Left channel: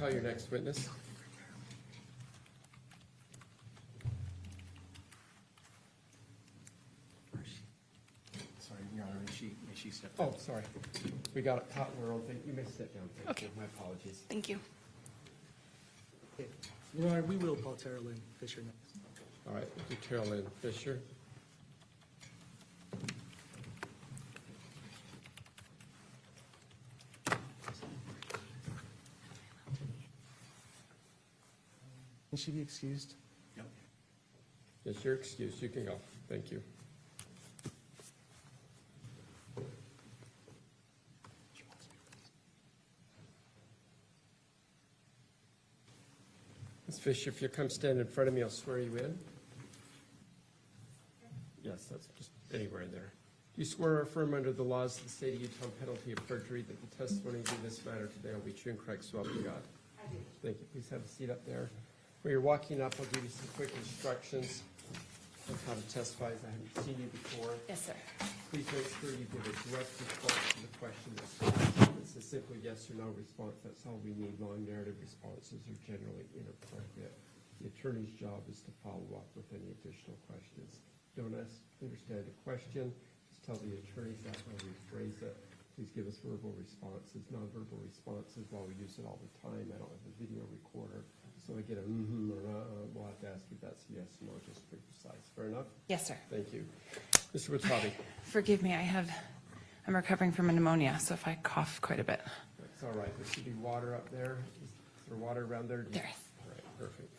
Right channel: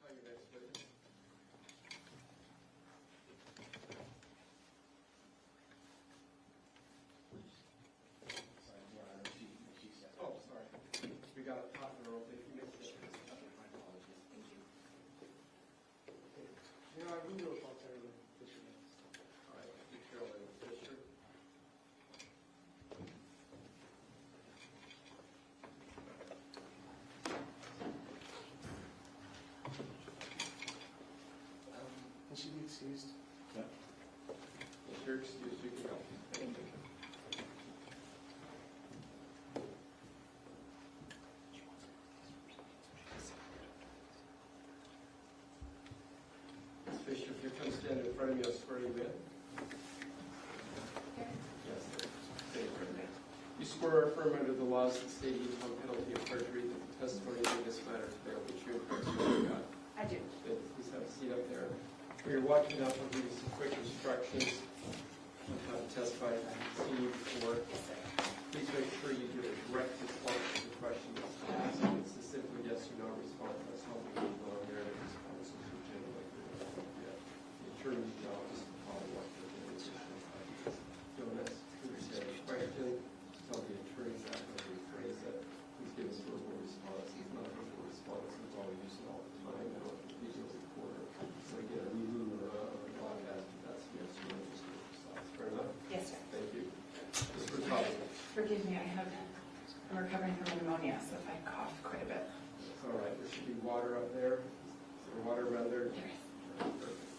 call your next witness. Sorry, Your Honor, she stepped Oh, sorry. We got caught in our own thing. You may sit down. Okay. My apologies. Thank you. Your Honor, we will call Teralynn Fisher next. All right, Teralynn Fisher. Will she be excused? Yep. Yes, you're excused. You can go. Thank you. Ms. Fisher, if you come stand in front of me, I'll swear you in. Yes, sir. Anywhere in there. You swear or affirm under the laws of the state of Utah, on penalty of perjury, that the testimony in this matter today will be true and correct, so help you God. I do. Thank you. Please have a seat up there. When you're walking up, I'll give you some quick instructions on how to testify. I haven't seen you before. Yes, sir. Please make sure you give a correct response to the question that's asked. It's a simple yes or no response. That's how we need non-narrative responses are generally appropriate. The attorney's job is to follow up with any additional questions. Don't understand the question. Tell the attorney that's how we phrase it. Please give us verbal responses, not verbal responses while we use it all the time now with the video recorder. So we get a or we'll have to ask if that's yes or no, just to be precise. Fair enough? Yes, sir. Thank you. Mr. Restelli. Forgive me, I'm recovering from a pneumonia, so if I cough quite a bit. It's all right. There should be water up there. Is there water around there? There is. Perfect.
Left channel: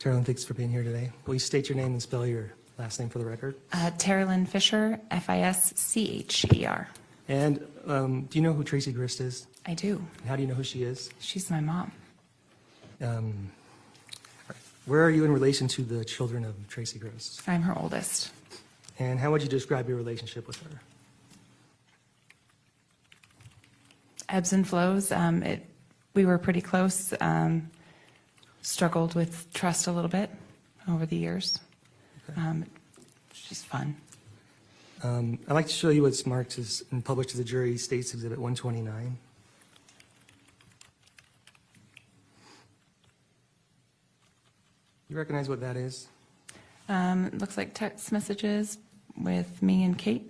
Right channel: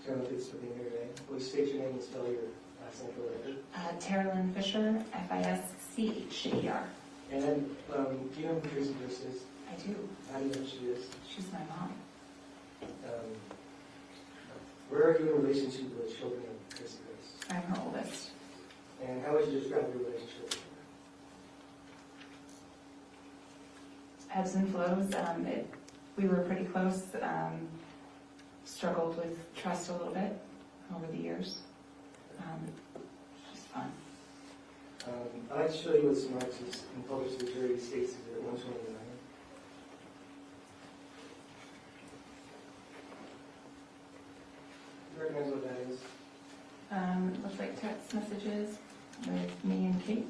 Teralynn, thanks for being here today. Will you state your name and spell your last name for the record? Teralynn Fisher, Fischer. And do you know who Tracey Grist is? I do. How do you know who she is? She's my mom. Where are you in relation to the children of Tracey Grist? I'm her oldest. And how would you describe your relationship with her? Ebbs and flows. We were pretty close. Struggled with trust a little bit over the years. It's just fun. I'd like to show you what's marked as and published to the jury, States Exhibit 129. You recognize what that is? It looks like text messages with me and Kate.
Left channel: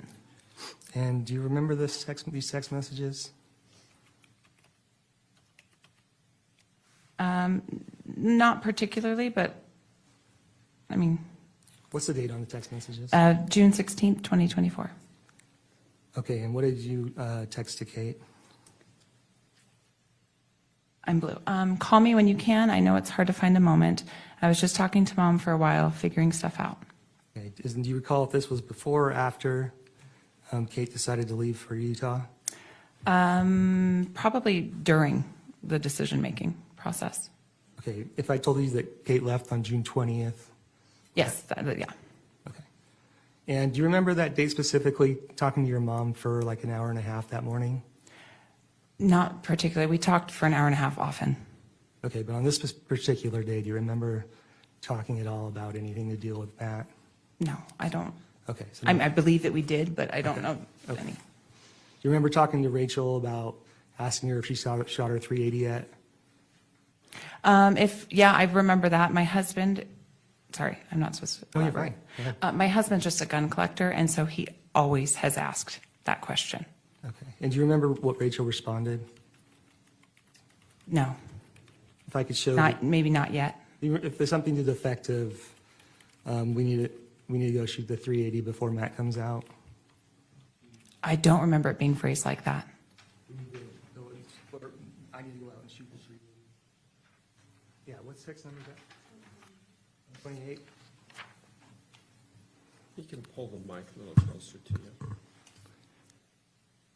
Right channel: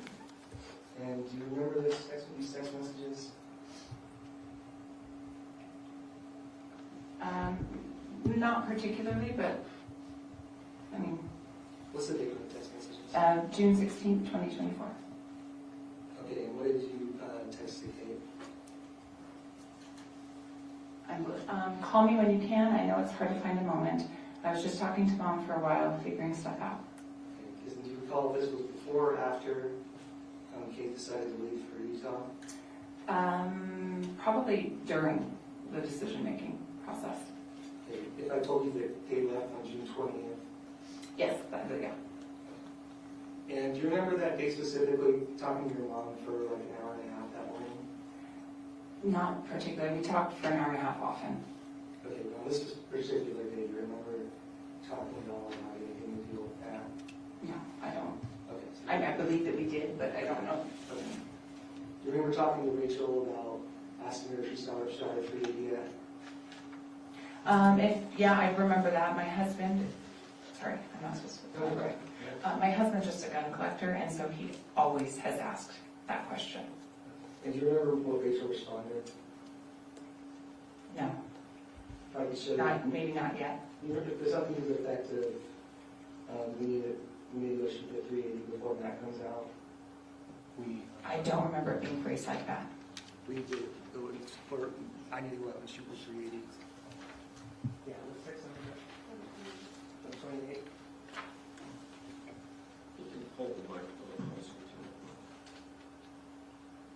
And do you remember these text messages? Not particularly, but I mean, What's the date on the text messages? June 16th, 2024. Okay, and what did you text to Kate? I'm blue. Call me when you can. I know it's hard to find a moment. I was just talking to Mom for a while, figuring stuff out. Okay. Do you recall if this was before or after Kate decided to leave for Utah? Probably during the decision-making process. Okay, if I told you that Kate left on June 20th. Yes, yeah. Okay. And do you remember that date specifically, talking to your mom for like an hour and a half that morning? Not particularly. We talked for an hour and a half often. Okay, but on this particular day, do you remember talking at all about anything to deal with that? No, I don't. Okay. So I believe that we did, but I don't know Okay. any. Do you remember talking to Rachel about asking her if she shot her 380 yet? Yeah, I remember that. My husband, sorry, I'm not supposed to. No, you're right. Yeah. My husband's just a gun collector, and so he always has asked that question. Okay. And do you remember what Rachel responded? No, If I could show. maybe not yet. If there's something to the effect of, we need to go shoot the 380 before Matt comes out. I don't remember it being phrased like that. We need to go and, I need to go out and shoot the 380. Yeah, what's text number? 128. You can pull the mic a little closer to you.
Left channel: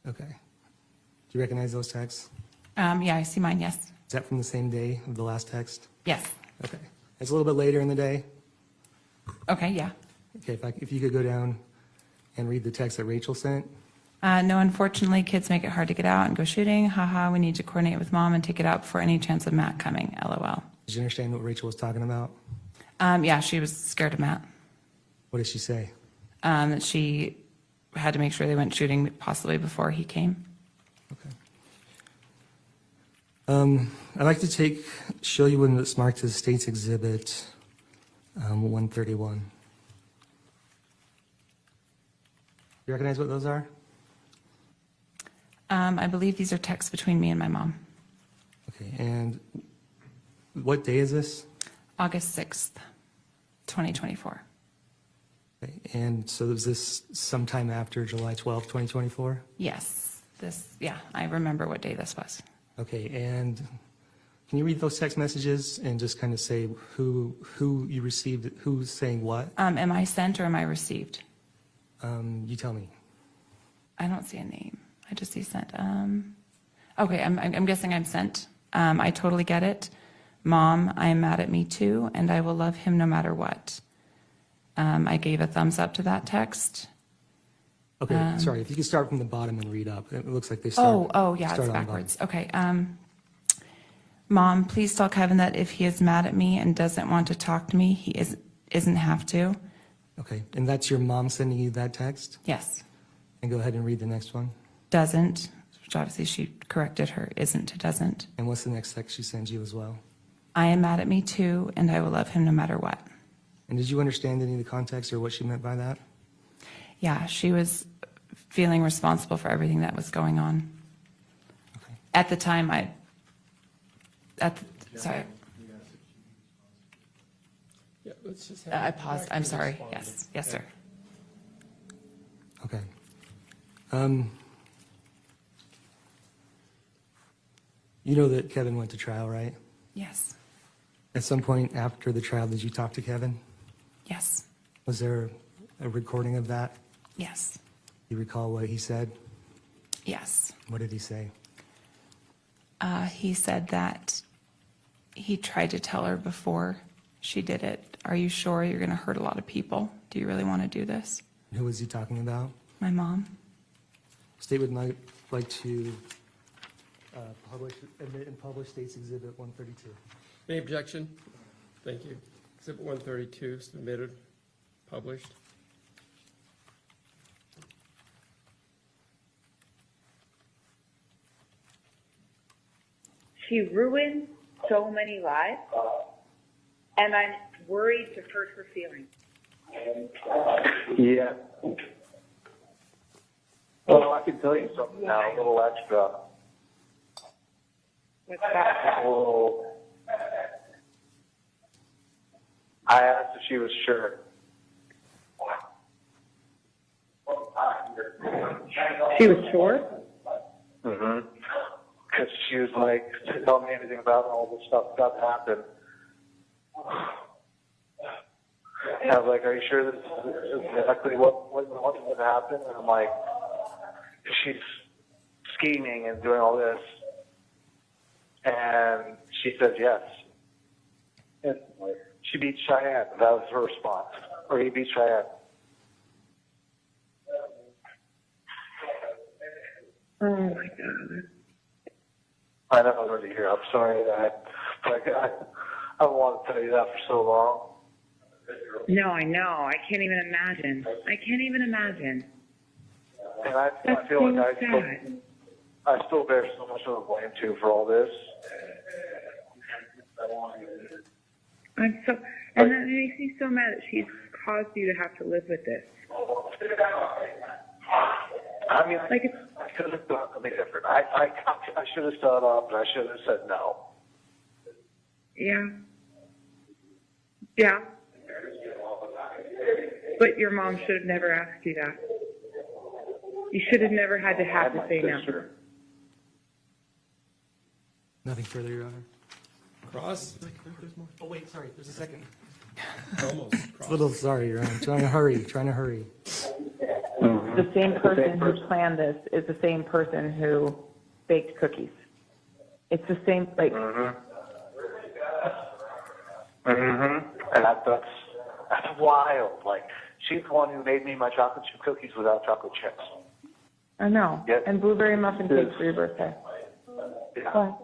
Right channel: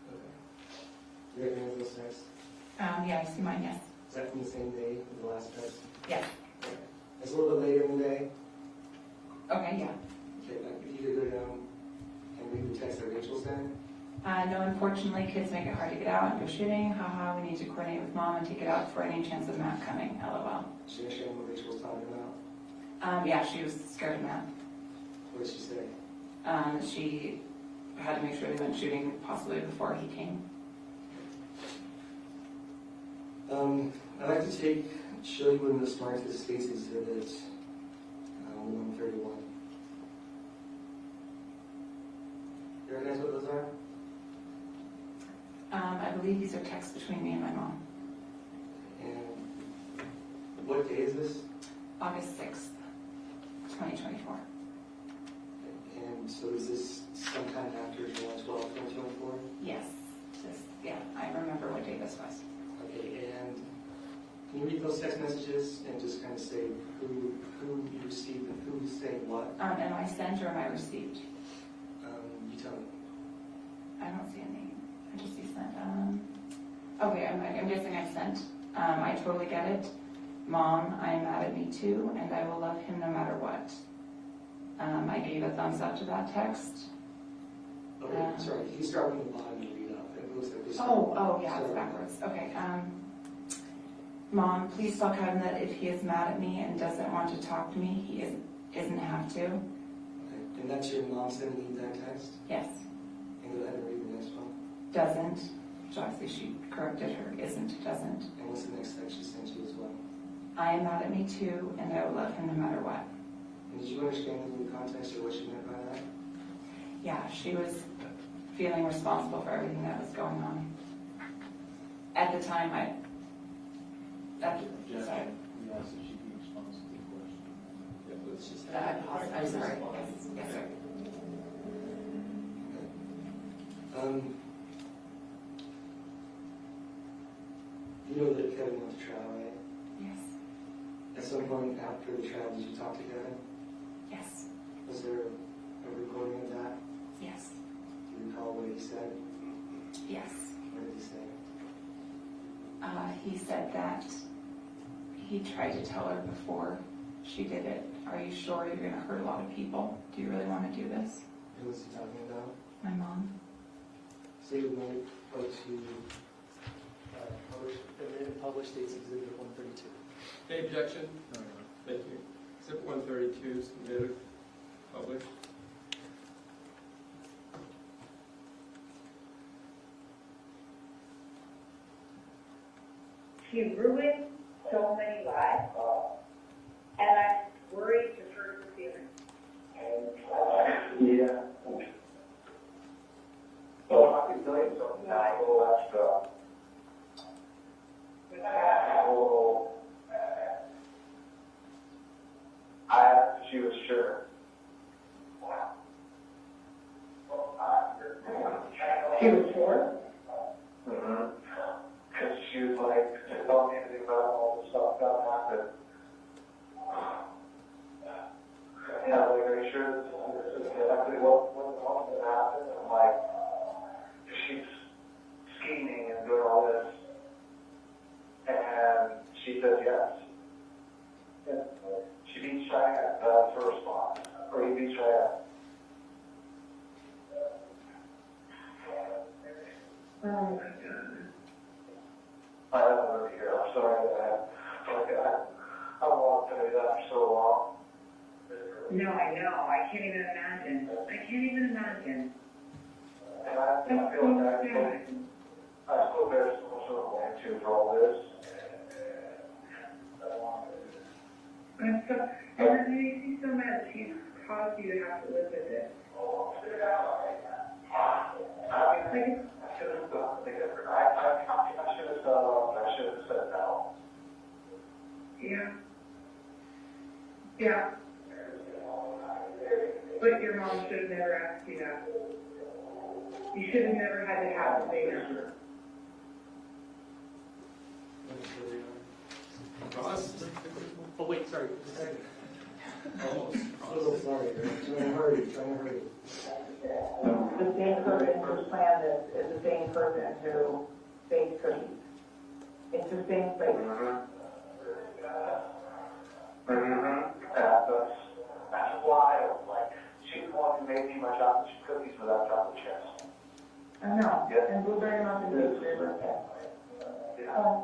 Okay. Do you recognize those texts? Yeah, I see mine, yes. Is that from the same day of the last text? Yes. Okay. It's a little bit later in the day. Okay, yeah. Okay, if you could go down and read the text that Rachel sent. No, unfortunately, kids make it hard to get out and go shooting. Haha, we need to coordinate with Mom and take it out for any chance of Matt coming. LOL. Did you understand what Rachel was talking about? Yeah, she was scared of Matt. What did she say? That she had to make sure they went shooting possibly before he came. I'd like to show you one that's marked as State's Exhibit 131. You recognize what those are? I believe these are texts between me and my mom. Okay, and what day is this? August 6th, 2024. Okay, and so is this sometime after July 12th, 2024? Yes, I remember what day this was. Okay, and can you read those text messages and just kind of say who you received, who's saying what? Am I sent or am I received? You tell me. I don't see a name. I just see sent. Okay, I'm guessing I'm sent. I totally get it. Mom, I am mad at me too, and I will love him no matter what. I gave a thumbs up to that text. Okay, sorry, if you can start from the bottom and read up. It looks like they start. Oh, yeah, start it's on the backwards. Okay. Mom, please tell Kevin that if he is mad at me and doesn't want to talk to me, he isn't have to. Okay, and that's your mom sending you that text? Yes. And go ahead and read the next one. Doesn't, which obviously she corrected her, isn't to doesn't. And what's the next text she sends you as well? I am mad at me too, and I will love him no matter what. And did you understand any of the context or what she meant by that? Yeah, she was feeling responsible for everything that was going on. Okay. At the time, sorry, Yeah, let's just I paused. I'm sorry. Yes, sir. Okay. You know that Kevin went to trial, right? Yes. At some point after the trial, did you talk to Kevin? Yes. Was there a recording of that? Yes. You recall what he said? Yes. What did he say? He said that he tried to tell her before she did it. Are you sure you're going to hurt a lot of people? Do you really want to do this? Who was he talking about? My mom. State would like to publish State's Exhibit 132. Any objection? Thank you. Exhibit 132 submitted, published. She ruined so many lives, and I'm worried to hurt her feelings. Yeah. Well, I can tell you something now, a little extra. What's that? Oh, I asked if she was sure. She was sure? Mm-hmm. Because she was like, she told me anything about all the stuff that happened. I was like, are you sure this is exactly what would happen? And I'm like, she's scheming and doing all this. And she said yes. And she beat Cheyenne. That was her response. Or he beat Cheyenne. Oh my God. I never heard to hear. I'm sorry that I wanted to tell you that for so long. No, I know. I can't even imagine. And I feel like I still bear so much of the blame too for all this. And that makes me so mad that she's caused you to have to live with this. I mean, Like it's, I could have done something different. I should have stood up, and I should have said no. yeah. Yeah. But your mom should have never asked you that. You should have never had to have to say no. Nothing further, Your Honor. Cross? Oh, wait, sorry, just a second. Almost. It's a little sorry, Your Honor. Trying to hurry. The same person who planned this is the same person who baked cookies. It's the same, like, And that's wild. Like, she's the one who made me my chocolate chip cookies without chocolate chips. I know. Yep. And blueberry muffin cake for your birthday. Yeah.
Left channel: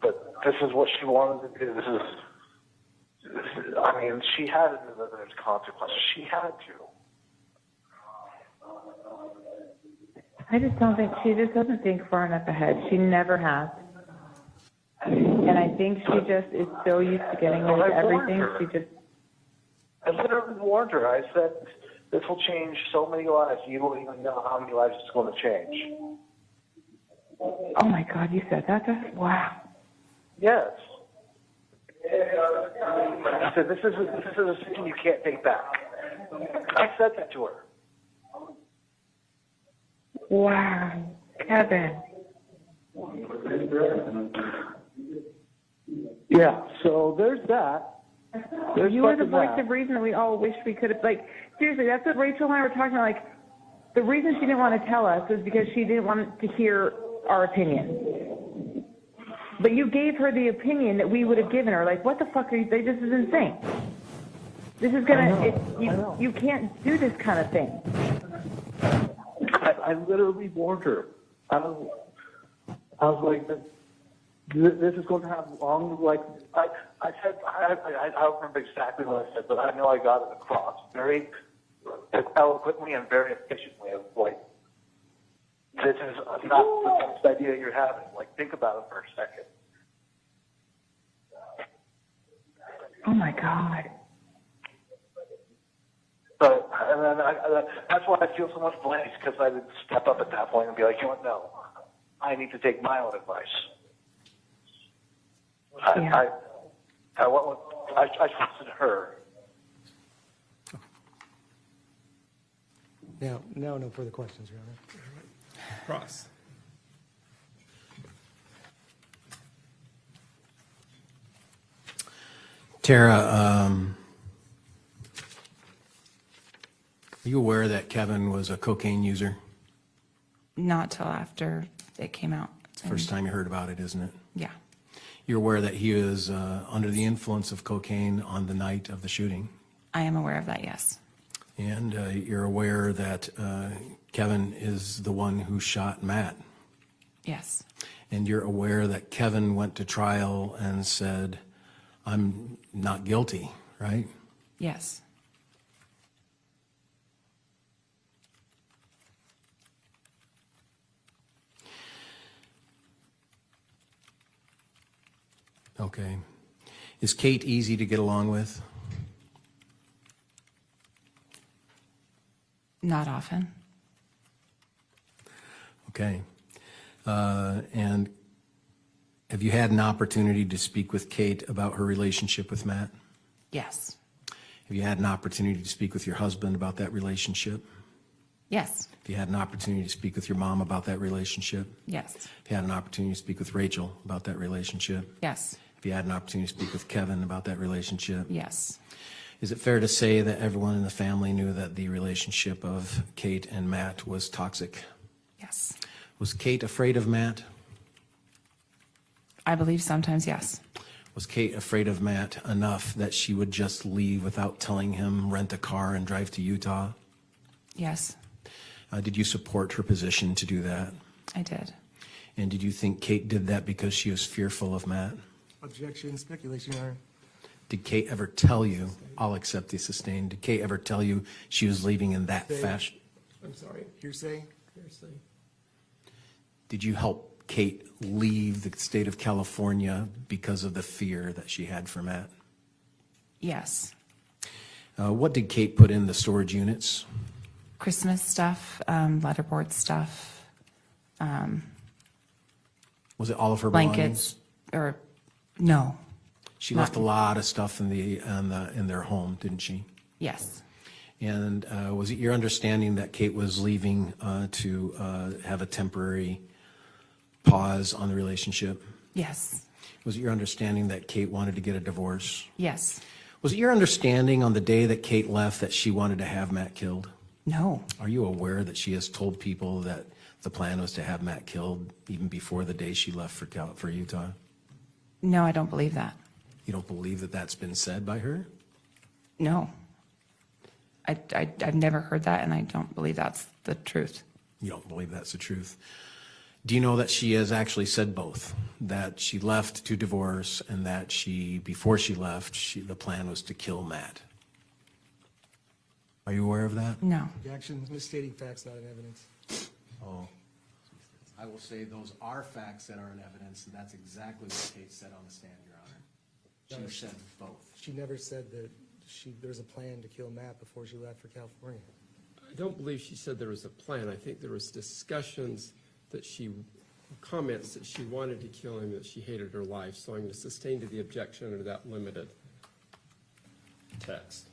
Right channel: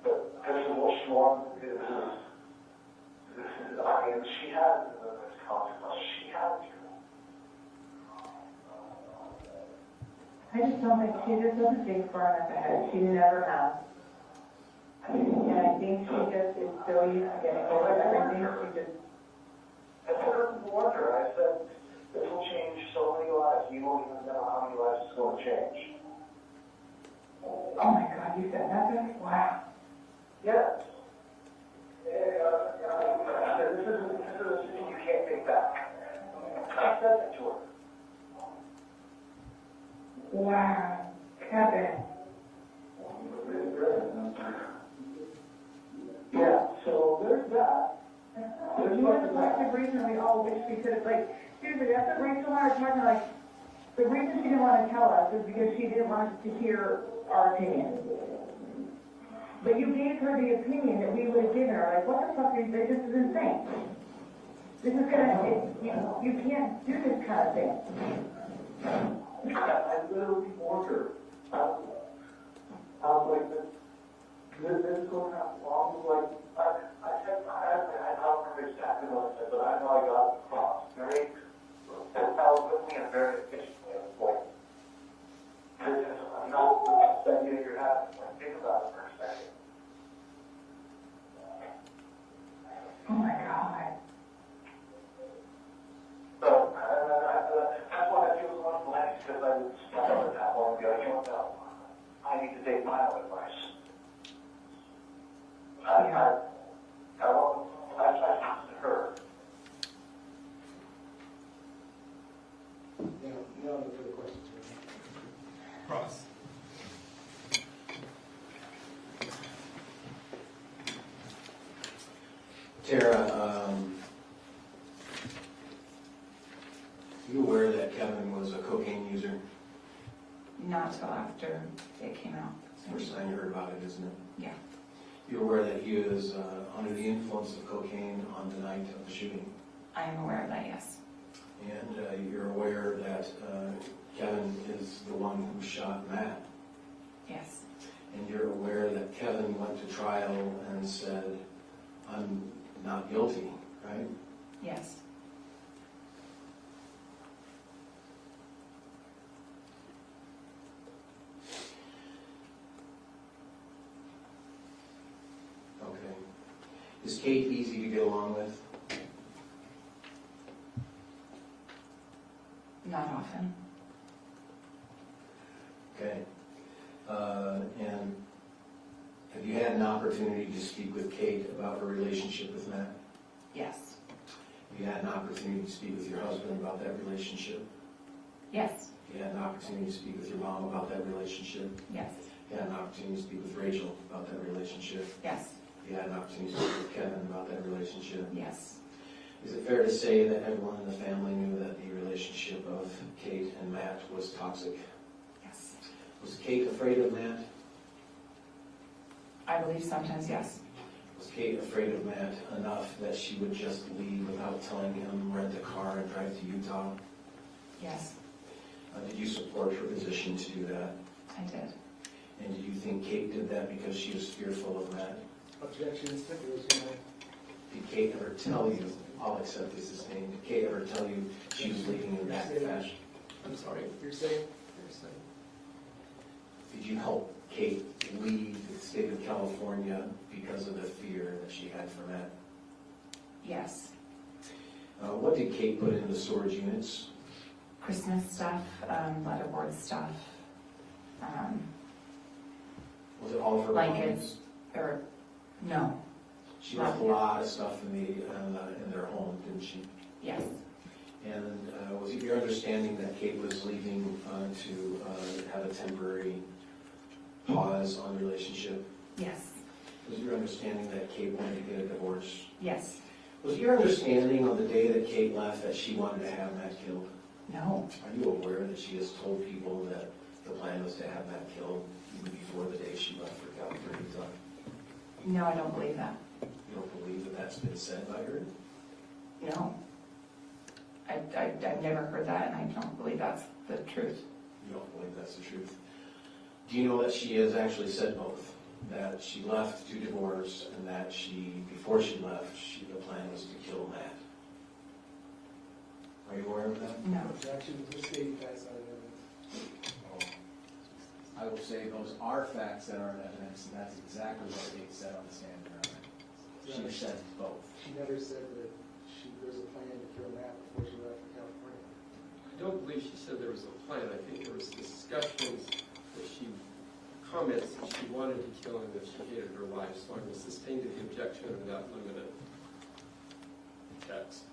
But this is what she wanted to do. This is I mean, she had to live in its consequences. She had to. I just don't think she just doesn't think far enough ahead. She never has. think she just is so used to getting rid of everything, she just, I literally warned her. I said, this will change so many lives. You don't even know how many lives it's going to change. oh my God, you said that? Wow. Yes. I said, this is a decision you can't take back. I said that to her. Wow. Kevin. Yeah, so there's that. You were the voice of reason that we all wish we could have, like, seriously, that's what Rachel and I were talking about, like, the reason she didn't want to tell us was because she didn't want us to hear our opinion. But you gave her the opinion that we would have given her, like, what the fuck are you, this is insane. This is gonna, you can't do this kind of thing. I literally warned her. I was like, this is going to have long, like, I said, I don't remember exactly what I said, but I know I got it across very eloquently and very efficiently. Of like, this is not the best idea you're having. Like, think about it for a second. Oh my God. So, and then that's why I feel so much blame, because I would step up at that point and be like, you know what, no, I need to take my own advice. I listened to her. Now, no further questions, really. Cross. Tara, you aware that Kevin was a cocaine user? Not till after it came out. It's the first time you heard about it, isn't it? Yeah. You're aware that he was under the influence of cocaine on the night of the shooting? I am aware of that, yes. And you're aware that Kevin is the one who shot Matt? Yes. And you're aware that Kevin went to trial and said, I'm not guilty, right? Yes. Okay. Is Kate easy to get along with? Not often. Okay. And have you had an opportunity to speak with Kate about her relationship with Matt? Yes. Have you had an opportunity to speak with your husband about that relationship? Yes. Have you had an opportunity to speak with your mom about that relationship? Yes. Have you had an opportunity to speak with Rachel about that relationship? Yes. Have you had an opportunity to speak with Kevin about that relationship? Yes. Is it fair to say that everyone in the family knew that the relationship of Kate and Matt was toxic? Yes. Was Kate afraid of Matt? I believe sometimes yes. Was Kate afraid of Matt enough that she would just leave without telling him, rent a car, and drive to Utah? Yes. Did you support her position to do that? I did. And did you think Kate did that because she was fearful of Matt? Objection, speculation, Your Honor. Did Kate ever tell you, I'll accept the sustained, did Kate ever tell you she was leaving in that fashion? I'm sorry. Hearsay? Hearsay. Did you help Kate leave the state of California because of the fear that she had for Matt? Yes. What did Kate put in the storage units? Christmas stuff, letterboard stuff, Was it all of her blankets, or no. She left a lot of stuff in their home, didn't she? Yes. And was it your understanding that Kate was leaving to have a temporary pause on the relationship? Yes. Was it your understanding that Kate wanted to get a divorce? Yes. Was it your understanding on the day that Kate left that she wanted to have Matt killed? No. Are you aware that she has told people that the plan was to have Matt killed even before the day she left for Utah? No, I don't believe that. You don't believe that that's been said by her? No. I've never heard that, and I don't believe that's the truth. You don't believe that's the truth. Do you know that she has actually said both? That she left to divorce, and that before she left, the plan was to kill Matt. Are you aware of that? No. Objection, misstating facts, not evidence. Oh. I will say those are facts that are in evidence, and that's exactly what Kate said on the stand, Your said both. She never said that there's a plan to kill Matt before she left for California. I don't believe she said there was a plan. I think there was discussions that comments that she wanted to kill him, that she hated her life. So I'm going to sustain to the objection under that limited text.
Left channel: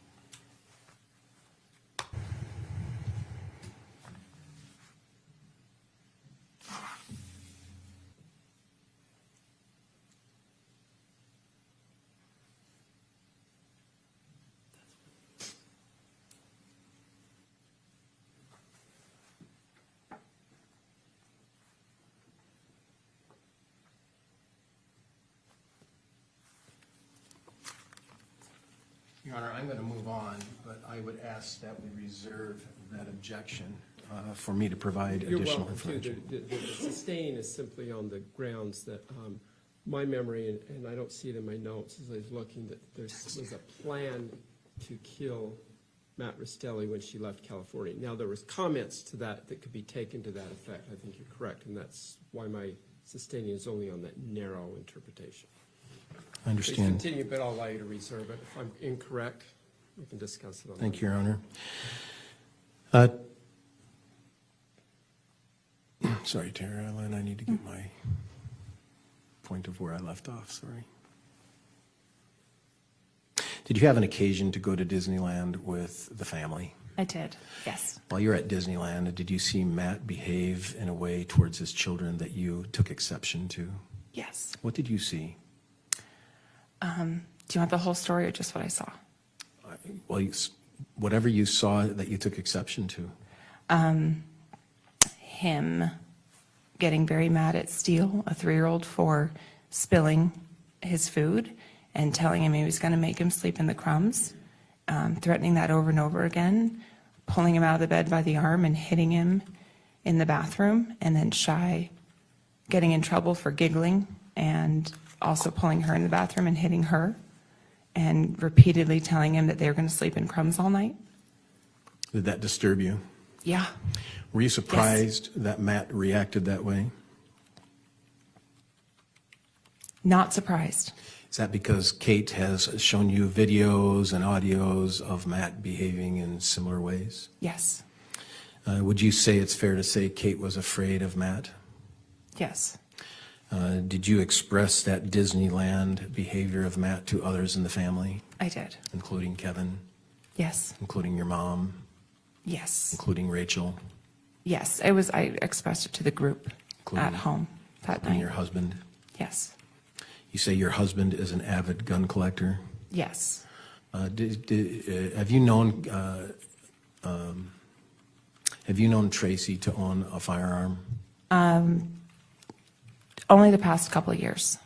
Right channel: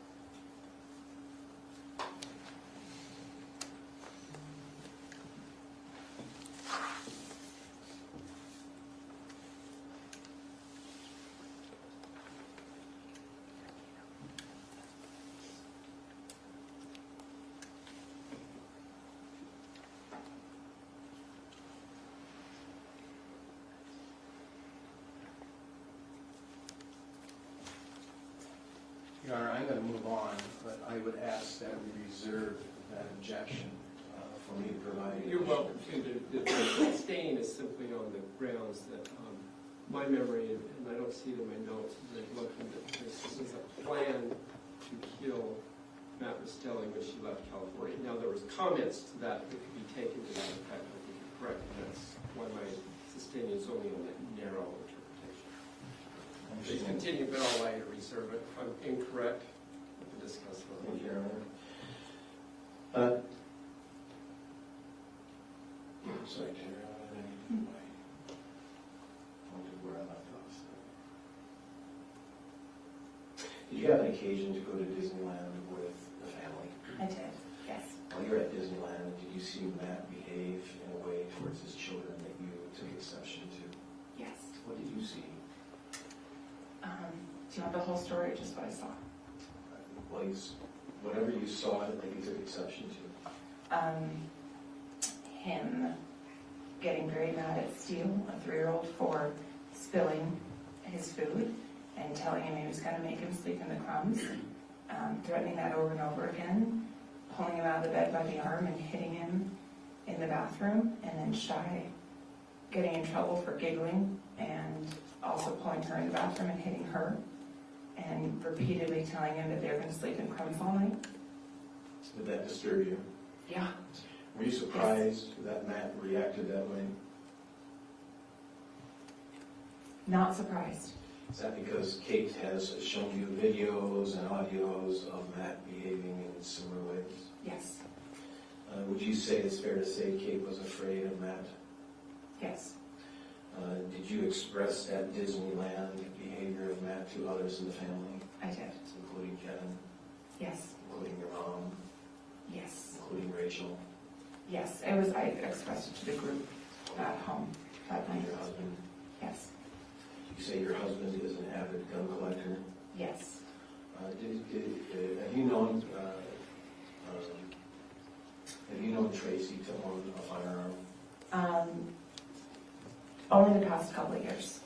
Your Honor, I'm going to move on, but I would ask that we reserve that objection for me to provide You're additional welcome to. information. The sustaining is simply on the grounds that my memory, and I don't see it in my notes, as I was looking, that this is a plan to kill Matt Restelli when she left California. Now, there was comments to that could be taken to that effect. I think you're correct, and that's why my sustaining is only on that narrow interpretation. I Please understand. continue, but I'll allow you to reserve it. If I'm incorrect, we can discuss it. Thank you, Your Honor. Sorry, Teralynn, I need to get my point of where I left off, sorry. Did you have an occasion to go to Disneyland with the family? I did, yes. While you were at Disneyland, did you see Matt behave in a way towards his children that you took exception to? Yes. What did you see? Do you want the whole story or just what I saw? Well, whatever you saw that you took exception to. Him getting very mad at Steele, a 3-year-old, for spilling his food and telling him he was going to make him sleep in the crumbs, threatening that over and over again, pulling him out of the bed by the arm and hitting him in the bathroom, and then Shy getting in trouble for giggling and also pulling her in the bathroom and hitting her and repeatedly telling him that they were going to sleep in crumbs all night. Did that disturb you? Yeah. Were you surprised that Matt reacted that way? Not surprised. Is that because Kate has shown you videos and audios of Matt behaving in similar ways? Yes. Would you say it's fair to say Kate was afraid of Matt? Yes. Did you express that Disneyland behavior of Matt to others in the family, I did. including Kevin, Yes. including your mom, Yes. including Rachel, Yes. I expressed it to the group at home that including night. your husband? Yes. You say your husband is an avid gun collector. Yes. Have you known Tracey to own a firearm? Only the past couple of years.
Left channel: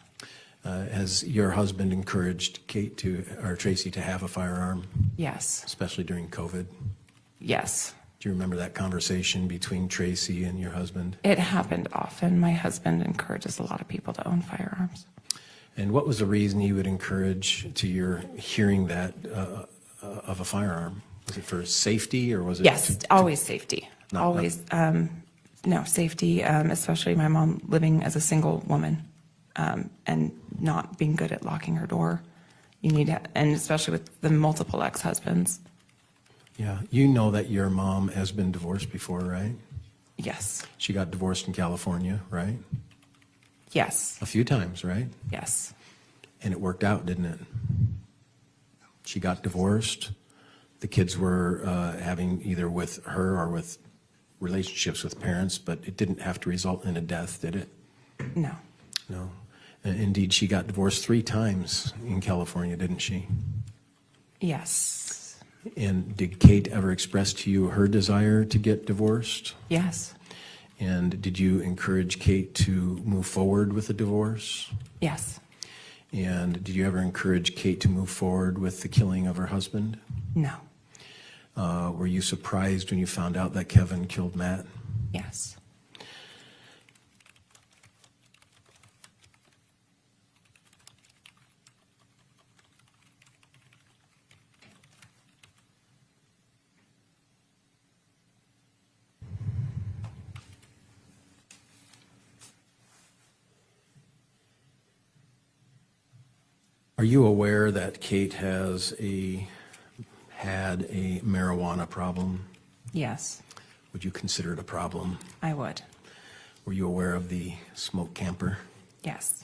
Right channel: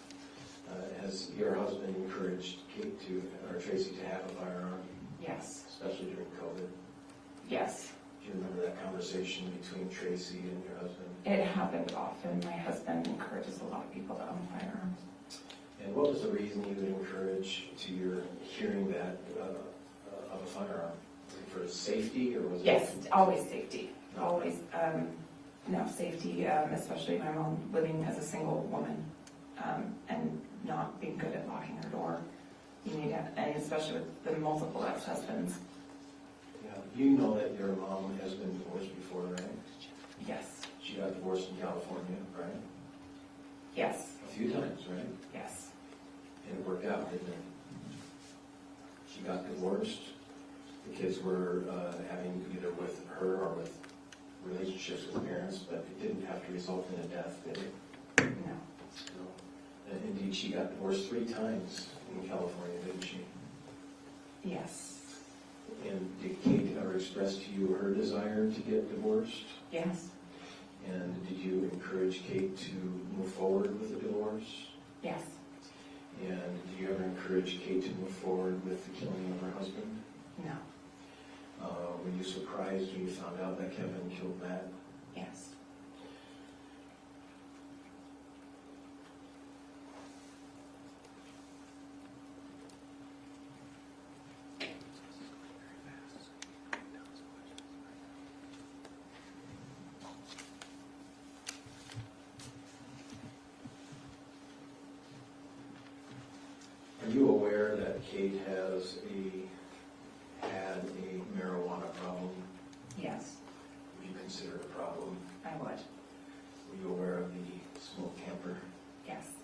Has your husband encouraged Tracey to have a firearm, Yes. especially during COVID? Yes. Do you remember that conversation between Tracey and your husband? It happened often. My husband encourages a lot of people to own firearms. And what was the reason he would encourage to your hearing that of a firearm? Was it for safety, or was it? Yes, always safety. Not- Always, no, safety, especially my mom living as a single woman and not being good at locking her door. You need to, and especially with the multiple ex-husbands. Yeah, you know that your mom has been divorced before, right? Yes, She got divorced in California, right? yes, A few times, right? yes, And it worked out, didn't it? She got divorced. The kids were having either with her or with relationships with parents, but it didn't have to result in a death, did it? no, No. And indeed, she got divorced 3 times in California, didn't she? yes, And did Kate ever express to you her desire to get divorced? yes, And did you encourage Kate to move forward with the divorce? yes, And did you ever encourage Kate to move forward with the killing of her husband? no, Were you surprised when you found out that Kevin killed Matt? yes. Are you aware that Kate had a marijuana problem? Yes, Would you consider it a problem? I would. Were you aware of the smoke camper? Yes.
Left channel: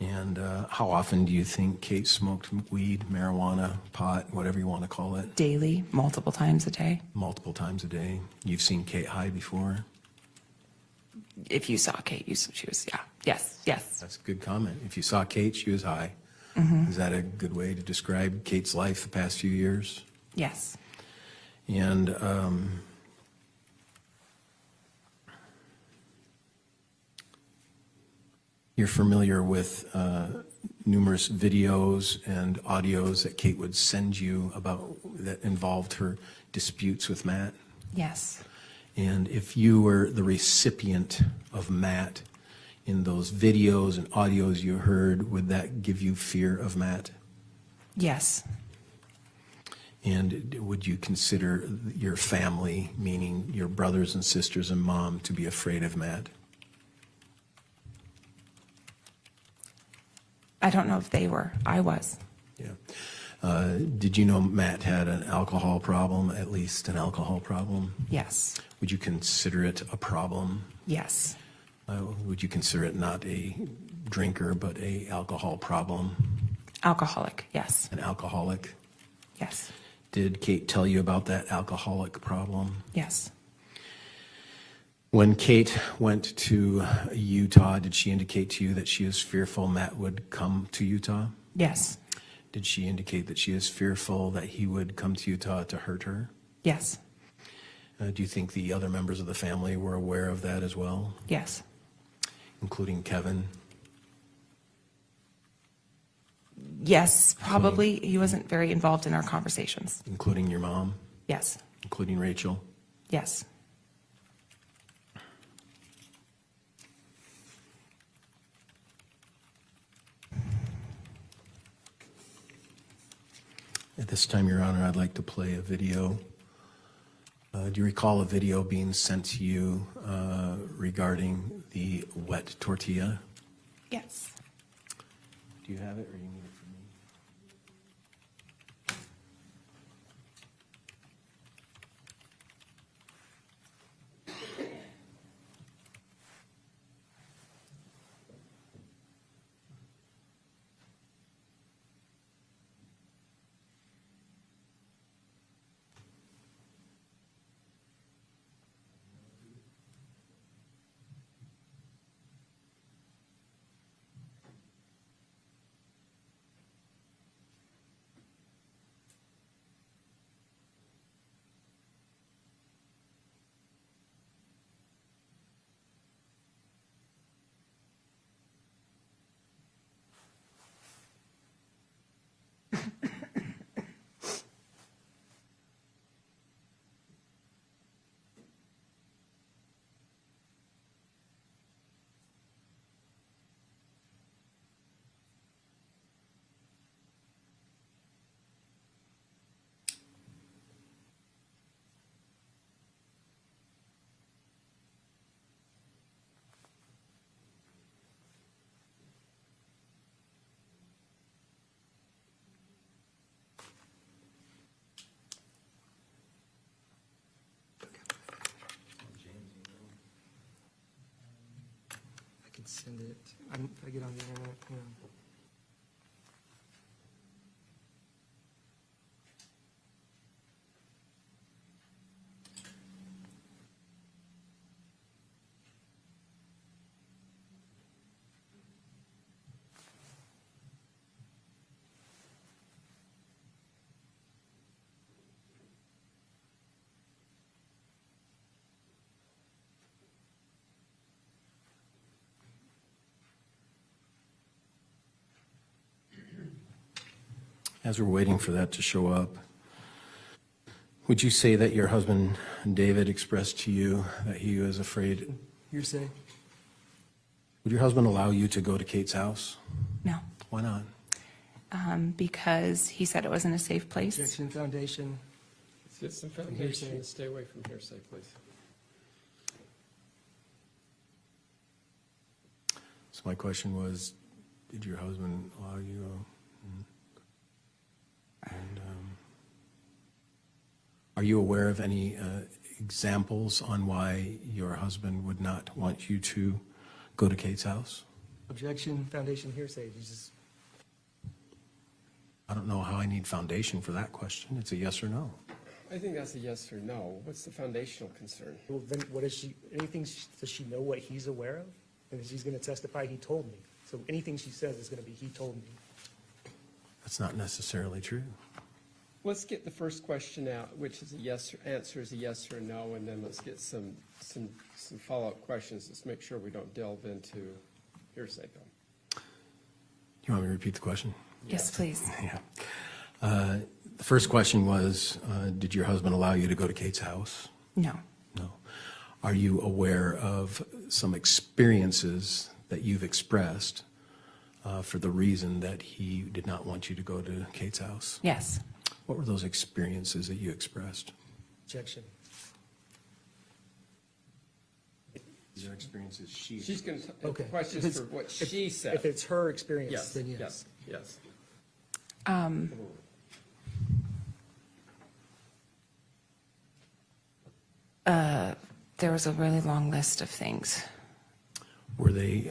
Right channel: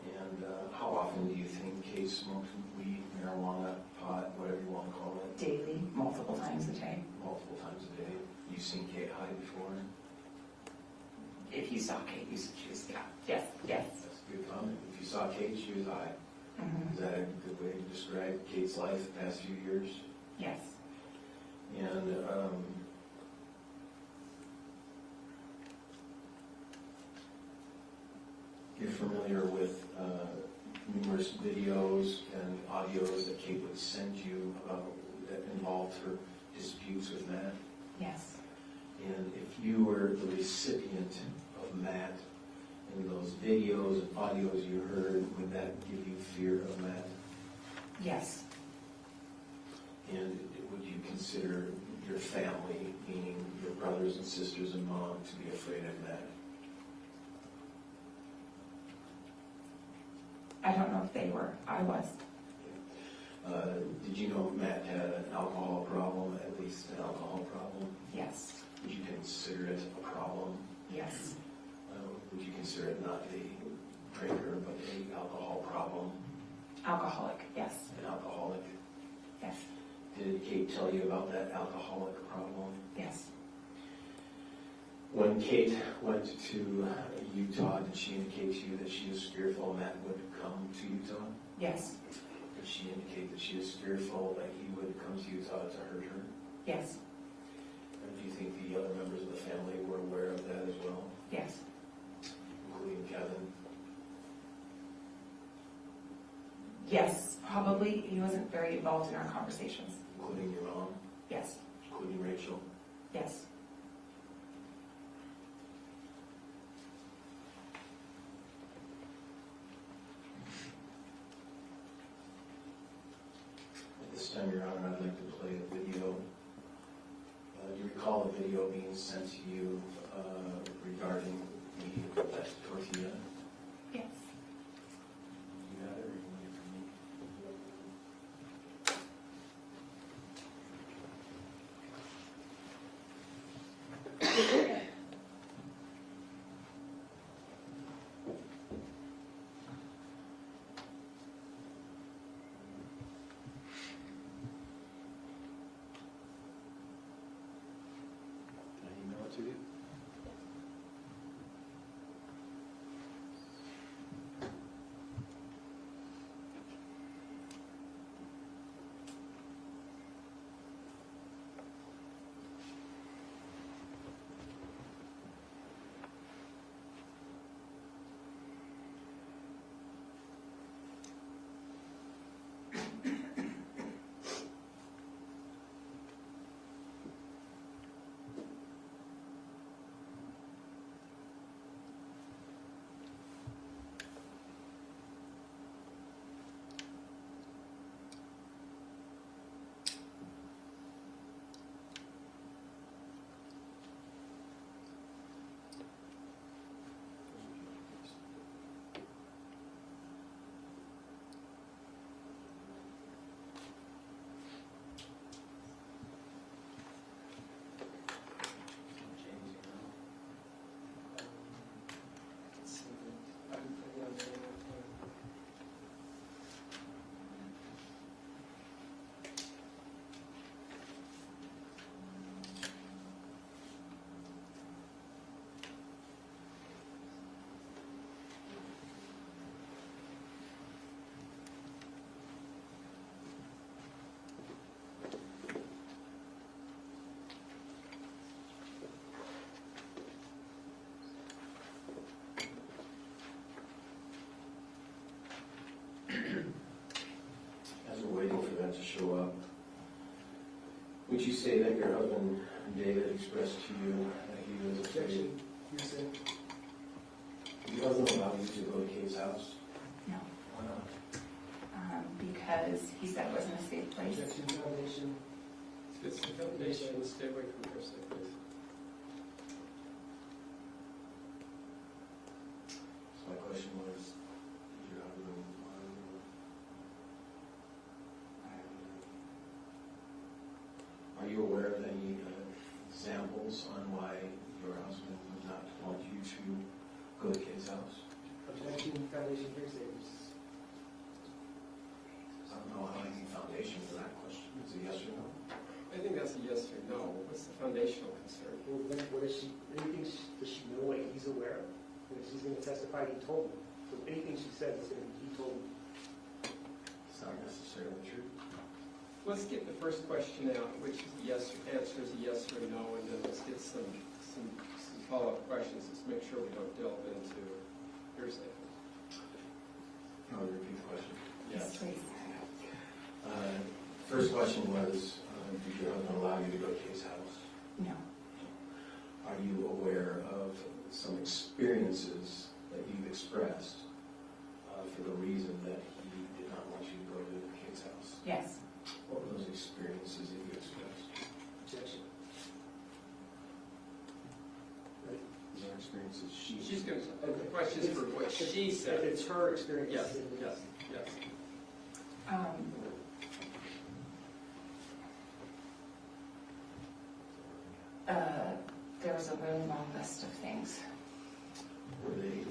And how often do you think Kate smoked weed, marijuana, pot, whatever you want to call it? Daily, multiple times a day. Multiple times a day. You've seen Kate high before? If you saw Kate, she was, yeah. Yes, yes. That's a good comment. If you saw Kate, she was high. Mm-hmm. Is that a good way to describe Kate's life the past few years? Yes. And you're familiar with numerous videos and audios that Kate would send you about that involved her disputes with Matt? Yes. And if you were the recipient of Matt in those videos and audios you heard, would that give you fear of Matt? Yes. And would you consider your family, meaning your brothers and sisters and mom, to be afraid of Matt? I don't know if they were. I was. Yeah. Did you know Matt had an alcohol problem, at least an alcohol problem? Yes. Would you consider it a problem? Yes. Would you consider it not a drinker, but a alcohol problem? Alcoholic. Yes. An alcoholic? Yes. Did Kate tell you about that alcoholic problem? Yes. When Kate went to Utah, did she indicate to you that she is fearful Matt would come to Utah? Yes. Did she indicate that she is fearful that he would come to Utah to hurt her? Yes. Do you think the other members of the family were aware of that as well, Yes. including Kevin? Yes, probably. He wasn't very involved in our conversations. Including your mom? Yes. Including Rachel? Yes. At this time, Your Honor, I'd like to play a video. Do you recall a video being sent to you regarding the wet tortilla? Yes. Do you have it, or you need it from me? Can I email it to you? I can send it. I get on there all the time. As we're waiting for that to show up, would you say that your husband, David, expressed to you that he was afraid? You're saying? Would your husband allow you to go to Kate's house? No. Why not? Because he said it wasn't a safe place. Objection, foundation. Get some foundation, and stay away from hearsay, please. So my question was, did your husband allow you to go? Are you aware of any examples on why your husband would not want you to go to Kate's house? Objection, foundation, hearsay. I don't know how I need foundation for that question. It's a yes or no. I think that's a yes or no. What's the foundational concern? Well, then what is she, does she know what he's aware of? And she's gonna testify, he told me. So anything she says is gonna be, he told me. That's not necessarily true. Let's get the first question out, which is a yes, answer is a yes or no, and then let's get some follow-up questions. Let's make sure we don't delve into hearsay. You want me to repeat the question? Yes, please. Yeah. The first question was, did your husband allow you to go to Kate's house? No. No. Are you aware of some experiences that you've expressed for the reason that he did not want you to go to Kate's house? Yes. What were those experiences that you expressed? Objection. These are experiences She's going to, Okay. questions for what she said. If it's her experience, Yes, then yes, yes. There was a really long list of things. Were they,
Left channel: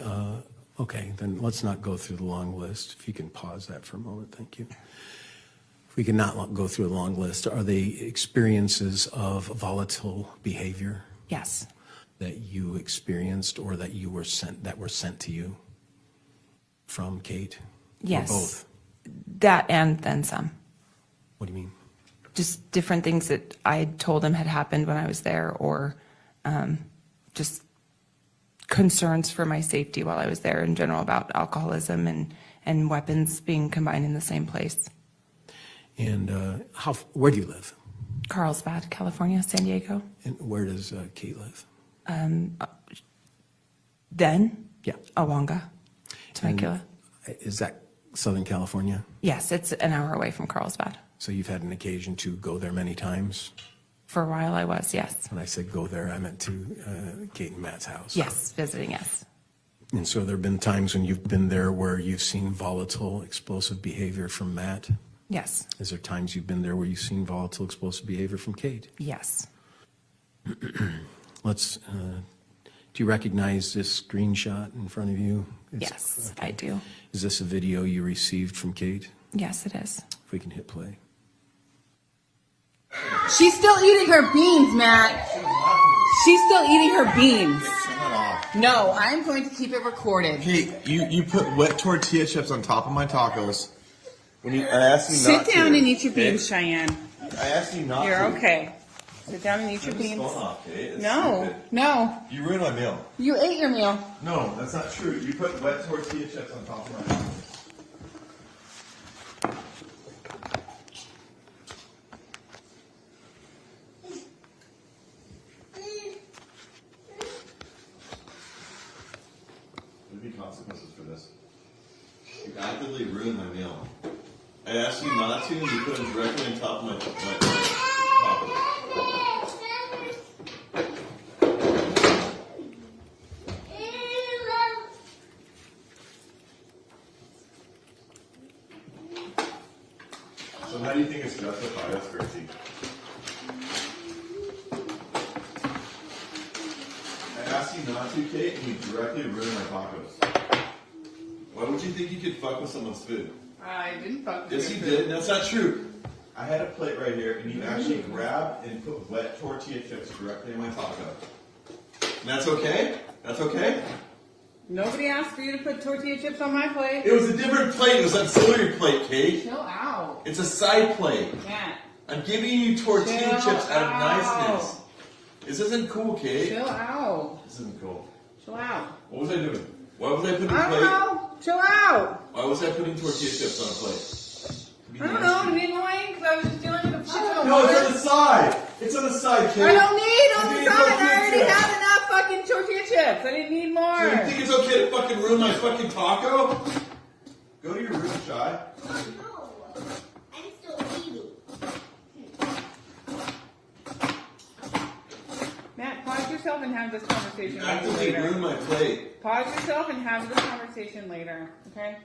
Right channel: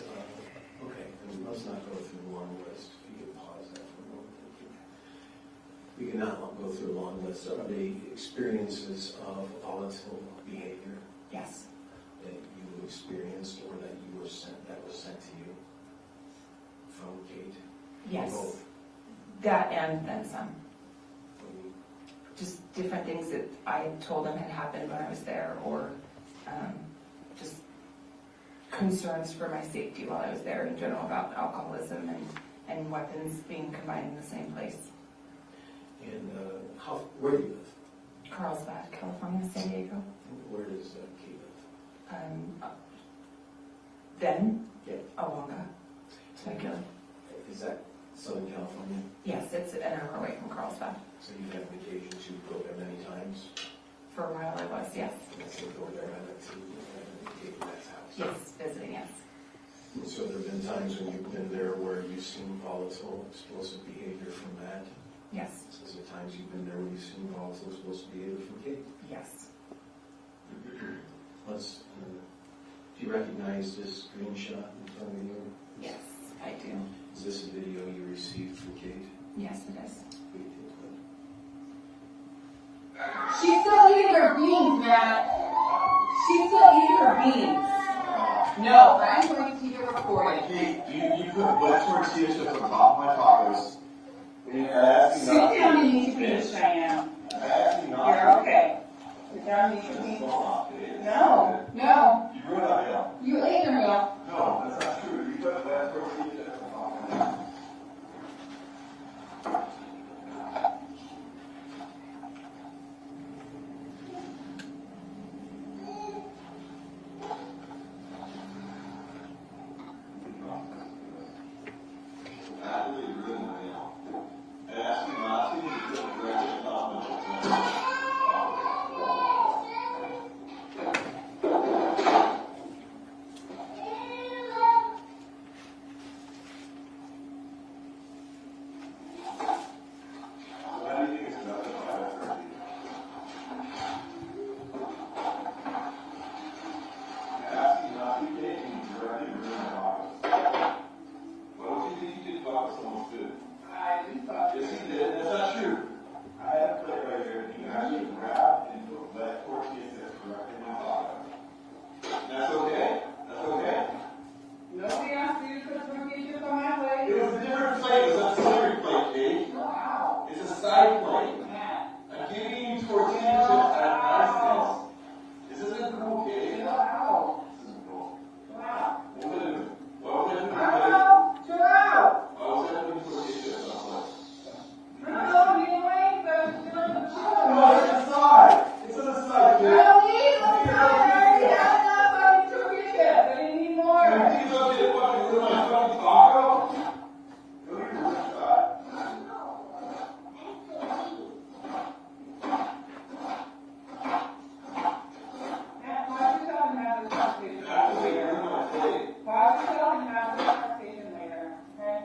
okay, then let's not go through the long list. If you can pause that for a moment, thank you. If we can not go through a long list, are they experiences of volatile behavior Yes. that you experienced or that you were sent to you from Kate? Or Yes. both? That and then some. What do you mean? Just different things that I told him had happened when I was there, or just concerns for my safety while I was there in general about alcoholism and weapons being combined in the same place. And where do you live? Carlsbad, California, San Diego. And where does Kate live? Then Yeah. Awanga, Temecula. Is that Southern California? Yes, it's an hour away from Carlsbad. So you've had an occasion to go there many times? For a while I was, yes. When I said go there, I meant to Kate and Matt's house. Yes, visiting, yes. And so there have been times when you've been there where you've seen volatile, explosive behavior from Matt? Yes, Is there times you've been there where you've seen volatile, explosive behavior from Kate? yes. Do you recognize this screenshot in front of you? Yes, I do. Is this a video you received from Kate? Yes, it is. If we can hit play. She's still eating her beans, Matt. She's still eating her beans. No, I'm going to keep it recorded. Kate, you put wet tortilla chips on top of my tacos. When you asked me not Sit to. down and eat your beans, Cheyenne. I asked you not You're to. okay. Sit down and eat your beans. Stop, Kate. It's No, stupid. no. You ruined my meal. You ate your meal. No, that's not true. You put wet tortilla chips on top of my tacos. There'll be consequences for this. You actively ruined my meal. I asked you not to, and you put them directly on top of my tacos. So how do you think it's justified as Tracey? I asked you not to, Kate, and you directly ruined my tacos. Why would you think you could fuck with someone's food? I didn't fuck with Yes, you did. That's not true. I had a plate right here, and you actually grabbed and put wet tortilla chips directly in my taco. And that's okay? That's okay? Nobody asked for you to put tortilla chips on my plate. It was a different plate. It was an auxiliary plate, Kate. Chill out. It's a side plate. Matt, I'm giving you tortilla Chill chips out of out. niceness. This isn't cool, Kate. chill out. This isn't cool. Chill out. What was I doing? Why was I putting I don't plate? know. Chill out. Why was I putting tortilla chips on a plate? I don't know. To be annoying because I was just dealing with a chicken. No, it's on the side. It's on the side, Kate. I don't need on You the need side. I already tortilla have enough fucking tortilla chips. I didn't need So you more. think it's okay to fucking ruin my fucking taco? Go to your room, Shy. Matt, pause yourself and have this conversation You actively later. ruined my plate. Pause yourself and have this conversation later, okay?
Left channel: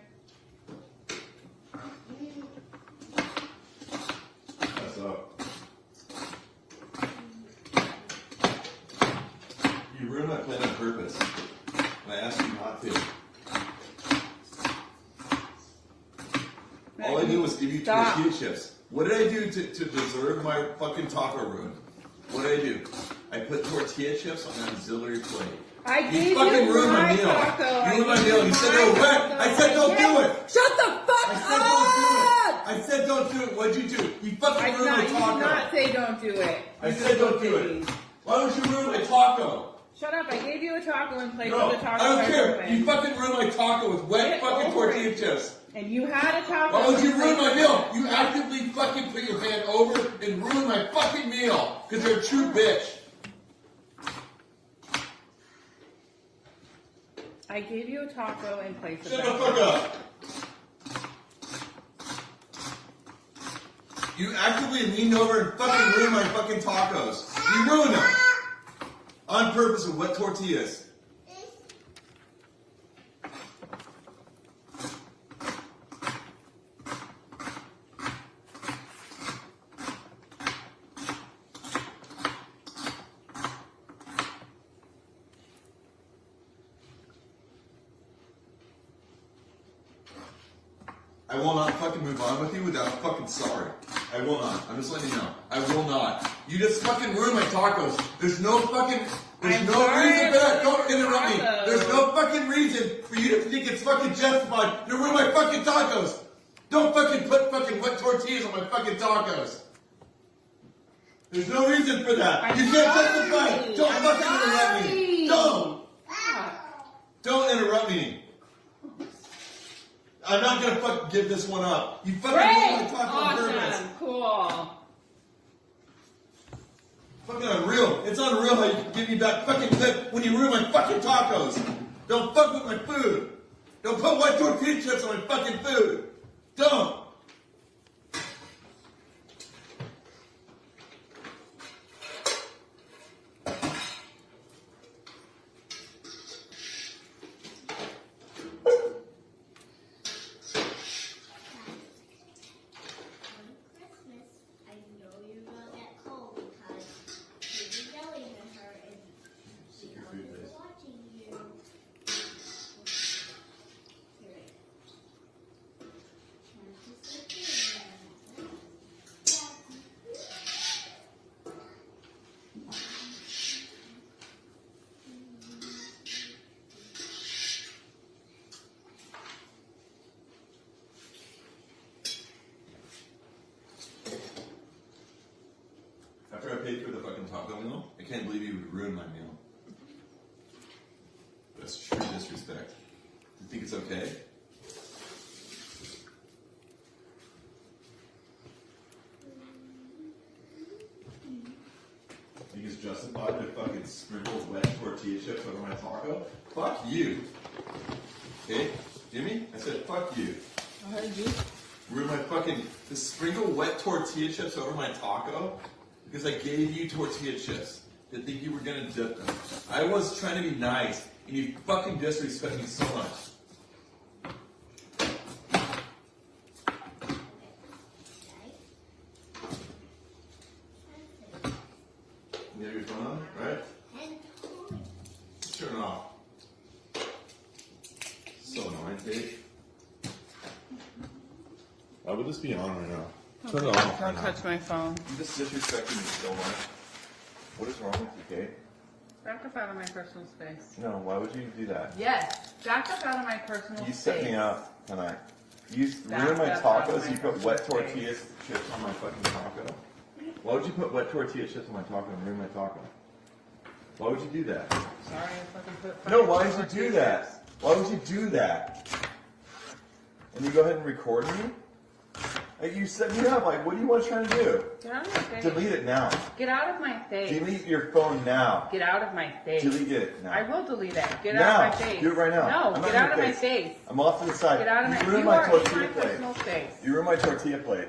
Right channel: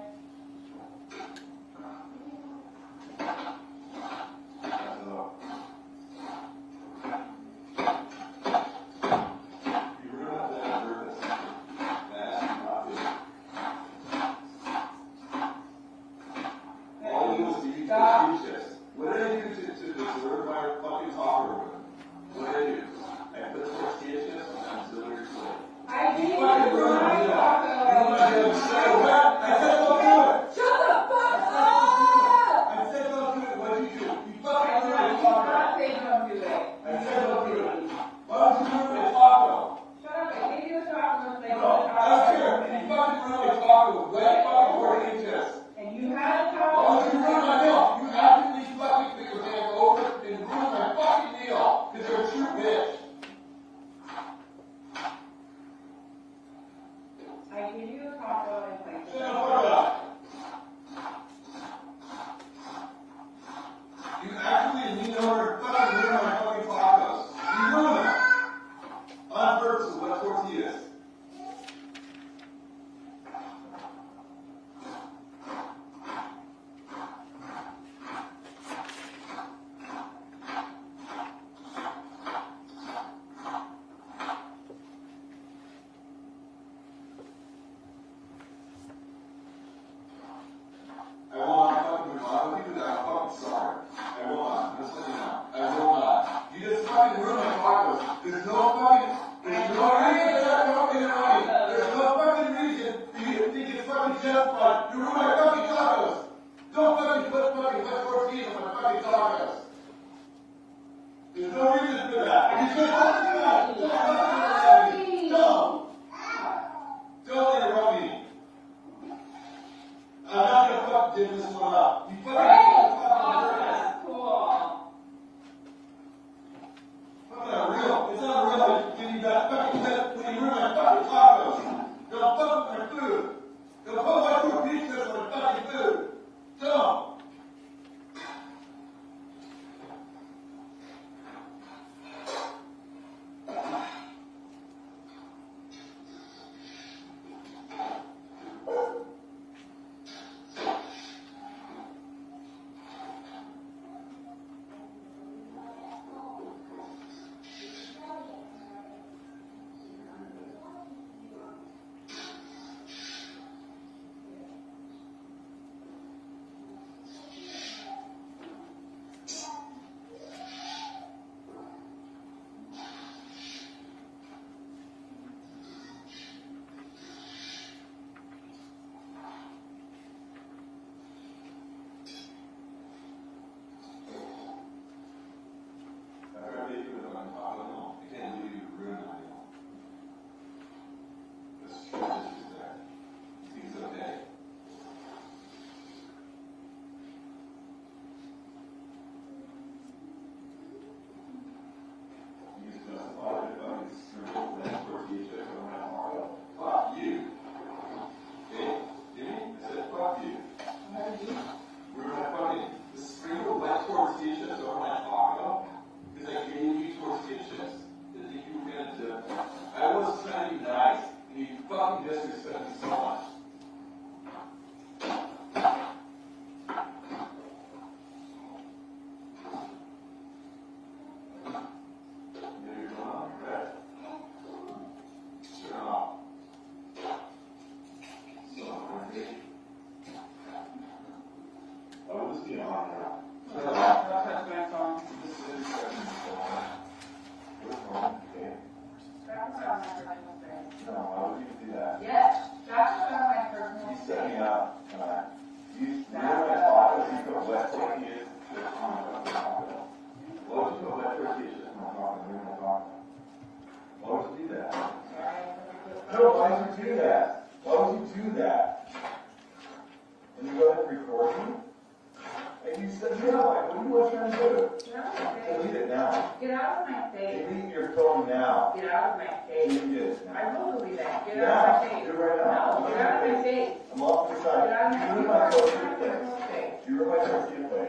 do was give you Stop. tortilla chips. What did I do to deserve my fucking taco room? What did I do? I put tortilla chips on an auxiliary plate. I You gave you fucking ruined my my meal. taco. You ruined my meal. You said I was wet. I said don't do it. Shut the fuck I said up! don't do it. I said don't do it. What'd you do? You fucking I did ruined my not, you did taco. not say don't do it. I said don't do it. Why would you ruin my taco? Shut up, I gave you a taco in place No, of the taco. I don't care. open. You fucking ruined my taco with wet fucking tortilla chips. And you had a taco. Why would you in ruin place my of- meal? You actively fucking put your hand over and ruin my fucking meal. Because you're a true bitch. I gave you a taco in place of Shut the the fuck up. You actively leaned over and fucking ruined my fucking tacos. You ruined them. On purpose with wet tortillas. I will not fucking move on with you without fucking sorry. I will not. I'm just letting you know. I will not. You just fucking ruined my tacos. There's no fucking, there's no reason for that. Don't interrupt me. There's no fucking reason for you to think it's fucking justified to ruin my fucking tacos. Don't fucking put fucking wet tortillas on my fucking tacos. There's no reason for that. You can't justify it. Don't fucking interrupt me. Don't interrupt me. I'm not gonna fucking give this one up. You fucking ruined my taco on purpose. Awesome, cool. Fucking unreal. It's unreal how you give me back fucking clip when you ruin my fucking tacos. Don't fuck with my food. Don't put white tortilla chips on my fucking food. Don't. After I paid for the fucking taco meal, I can't believe you would ruin my meal. That's sheer disrespect. You think it's okay? You think it's justified to fucking sprinkle wet tortilla chips over my taco? Fuck you. Okay? Jimmy? I said fuck you. Ruin my fucking, to sprinkle wet tortilla chips over my taco? Because I gave you tortilla chips. To think you were gonna dip them. I was trying to be nice, and you fucking disrespect me so much. You have your phone on, right? Turn it off. So annoying, Dave. Will this be on right now? Turn it Don't off. touch my phone. You just disrespecting me so much. What is wrong? Okay. Back up out of my personal space. No, why would you do that? Yes, back up out of my personal You space. set me up tonight. You ruined That's my up. tacos, you put wet tortillas chips on my fucking taco. Why would you put wet tortilla chips on my taco and ruin my taco? Why would you do that? Sorry, I fucking put No, why would you do that? Why would you do that? And you go ahead and record me? Like, you set me up, like, what do you want to try to do? Get out of my face. Delete it now. Get out of my face. Delete your phone now. Get out of my face. Delete it now. I will delete it. Get Now. out of my face. Do it right now. No, I'm get not out of in my your face. I'm off to the side. Get out of You my ruined You my are in tortilla my plate. personal space. You ruined my tortilla plate.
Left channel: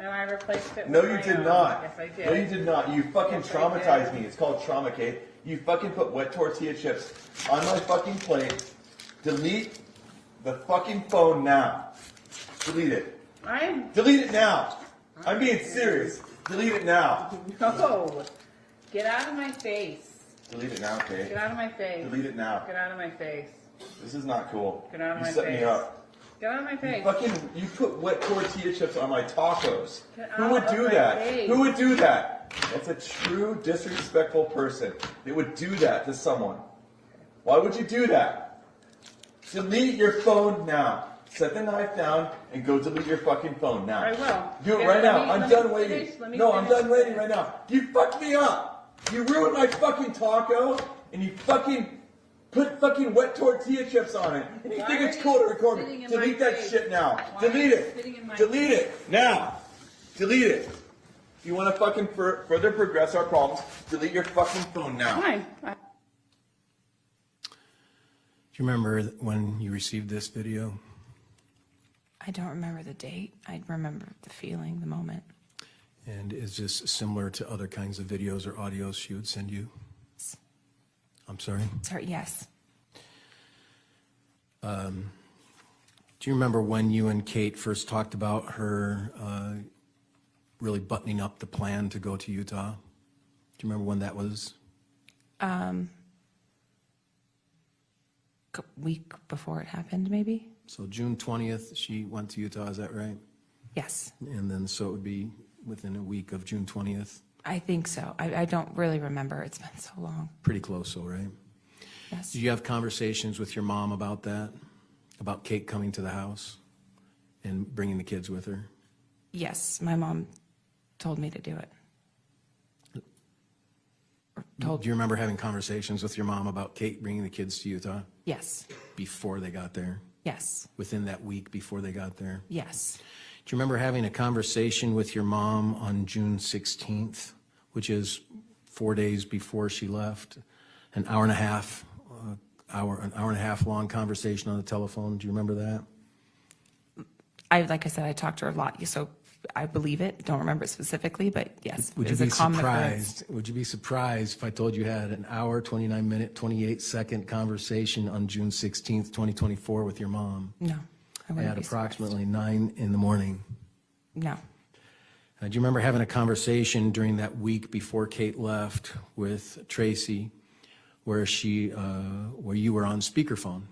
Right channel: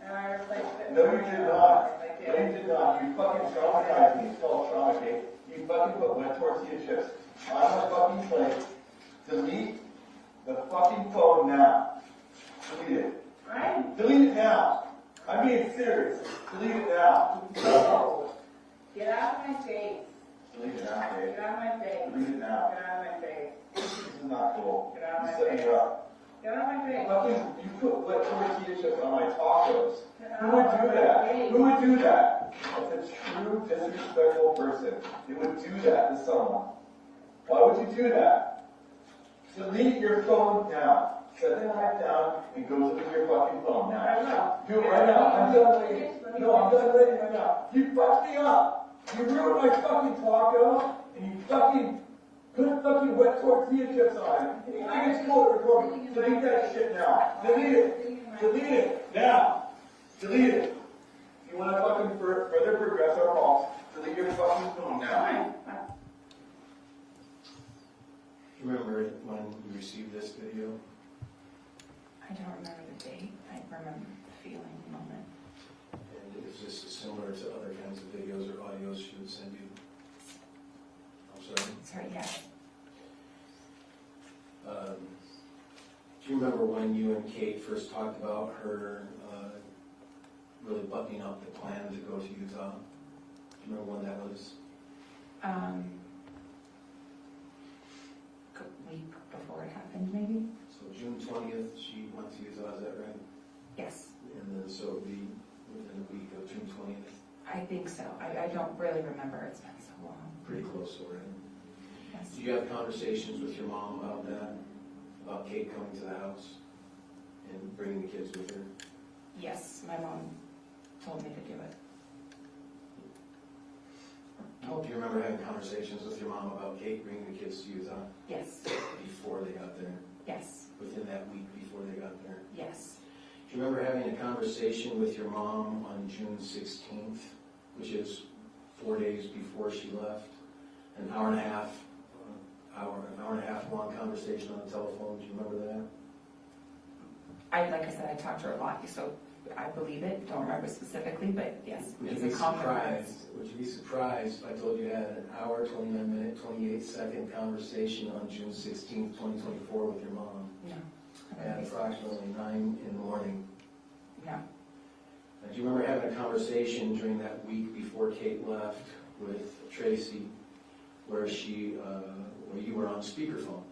And I replaced it No, with you my did own. not. Yes, I did. No, you did not. You fucking traumatized me. It's called trauma, Kate. You fucking put wet tortilla chips on my fucking plate. Delete the fucking phone now. Delete it. Delete it now. I'm being serious. Delete it now. No. Get out of my face. Delete it now, Kate. Get out of my face. Delete it now. Get out of my face. This is not cool. Get out of You my set face. me up. Get out of my face. You put wet tortilla chips on my tacos. Get Who would out do of my that? face. Who would do that? That's a true disrespectful person. They would do that to someone. Why would you do that? Delete your phone now. Set the knife down and go delete your fucking phone now. I will. Do it Yeah, right let now. me- I'm let me done finish, waiting. let me No, I'm finish. done waiting right now. You fucked me up. You ruined my fucking taco and you fucking put fucking wet tortilla chips on it. And you think it's cool to record Spitting me. in Delete my that face. shit now. Why Delete are you it. spitting in my Delete it now. Delete it. If you want to fucking further progress our problems, delete your fucking phone now. Fine. Do you remember when you received this video? I don't remember the date. I remember the feeling, the moment. And is this similar to other kinds of videos or audios she would send you? I'm sorry? Sorry, yes. Do you remember when you and Kate first talked about her really buttoning up the plan to go to Utah? Do you remember when that was? Week before it happened, maybe? So June 20th, she went to Utah, is that right? Yes, And then, so it would be within a week of June 20th? I think so. I don't really remember. It's been so long. Pretty close, though, right? Yes. Did you have conversations with your mom about that? About Kate coming to the house and bringing the kids with her? Yes, my mom told me to do it. Do you remember having conversations with your mom about Kate bringing the kids to Utah Yes, before they got there? yes, Within that week before they got there? yes. Do you remember having a conversation with your mom on June 16th, which is 4 days before she left? An hour and a half long conversation on the telephone. Do you remember that? Like I said, I talked to her a lot, so I believe it. Don't remember it specifically, but yes. Would it you was a be common occurrence. surprised? Would you be surprised if I told you had an hour, 29-minute, 28-second conversation on June 16th, 2024 with your mom No, I wouldn't at be surprised. approximately 9 in the morning? No, Do you remember having a conversation during that week before Kate left with Tracey, where you were on speakerphone?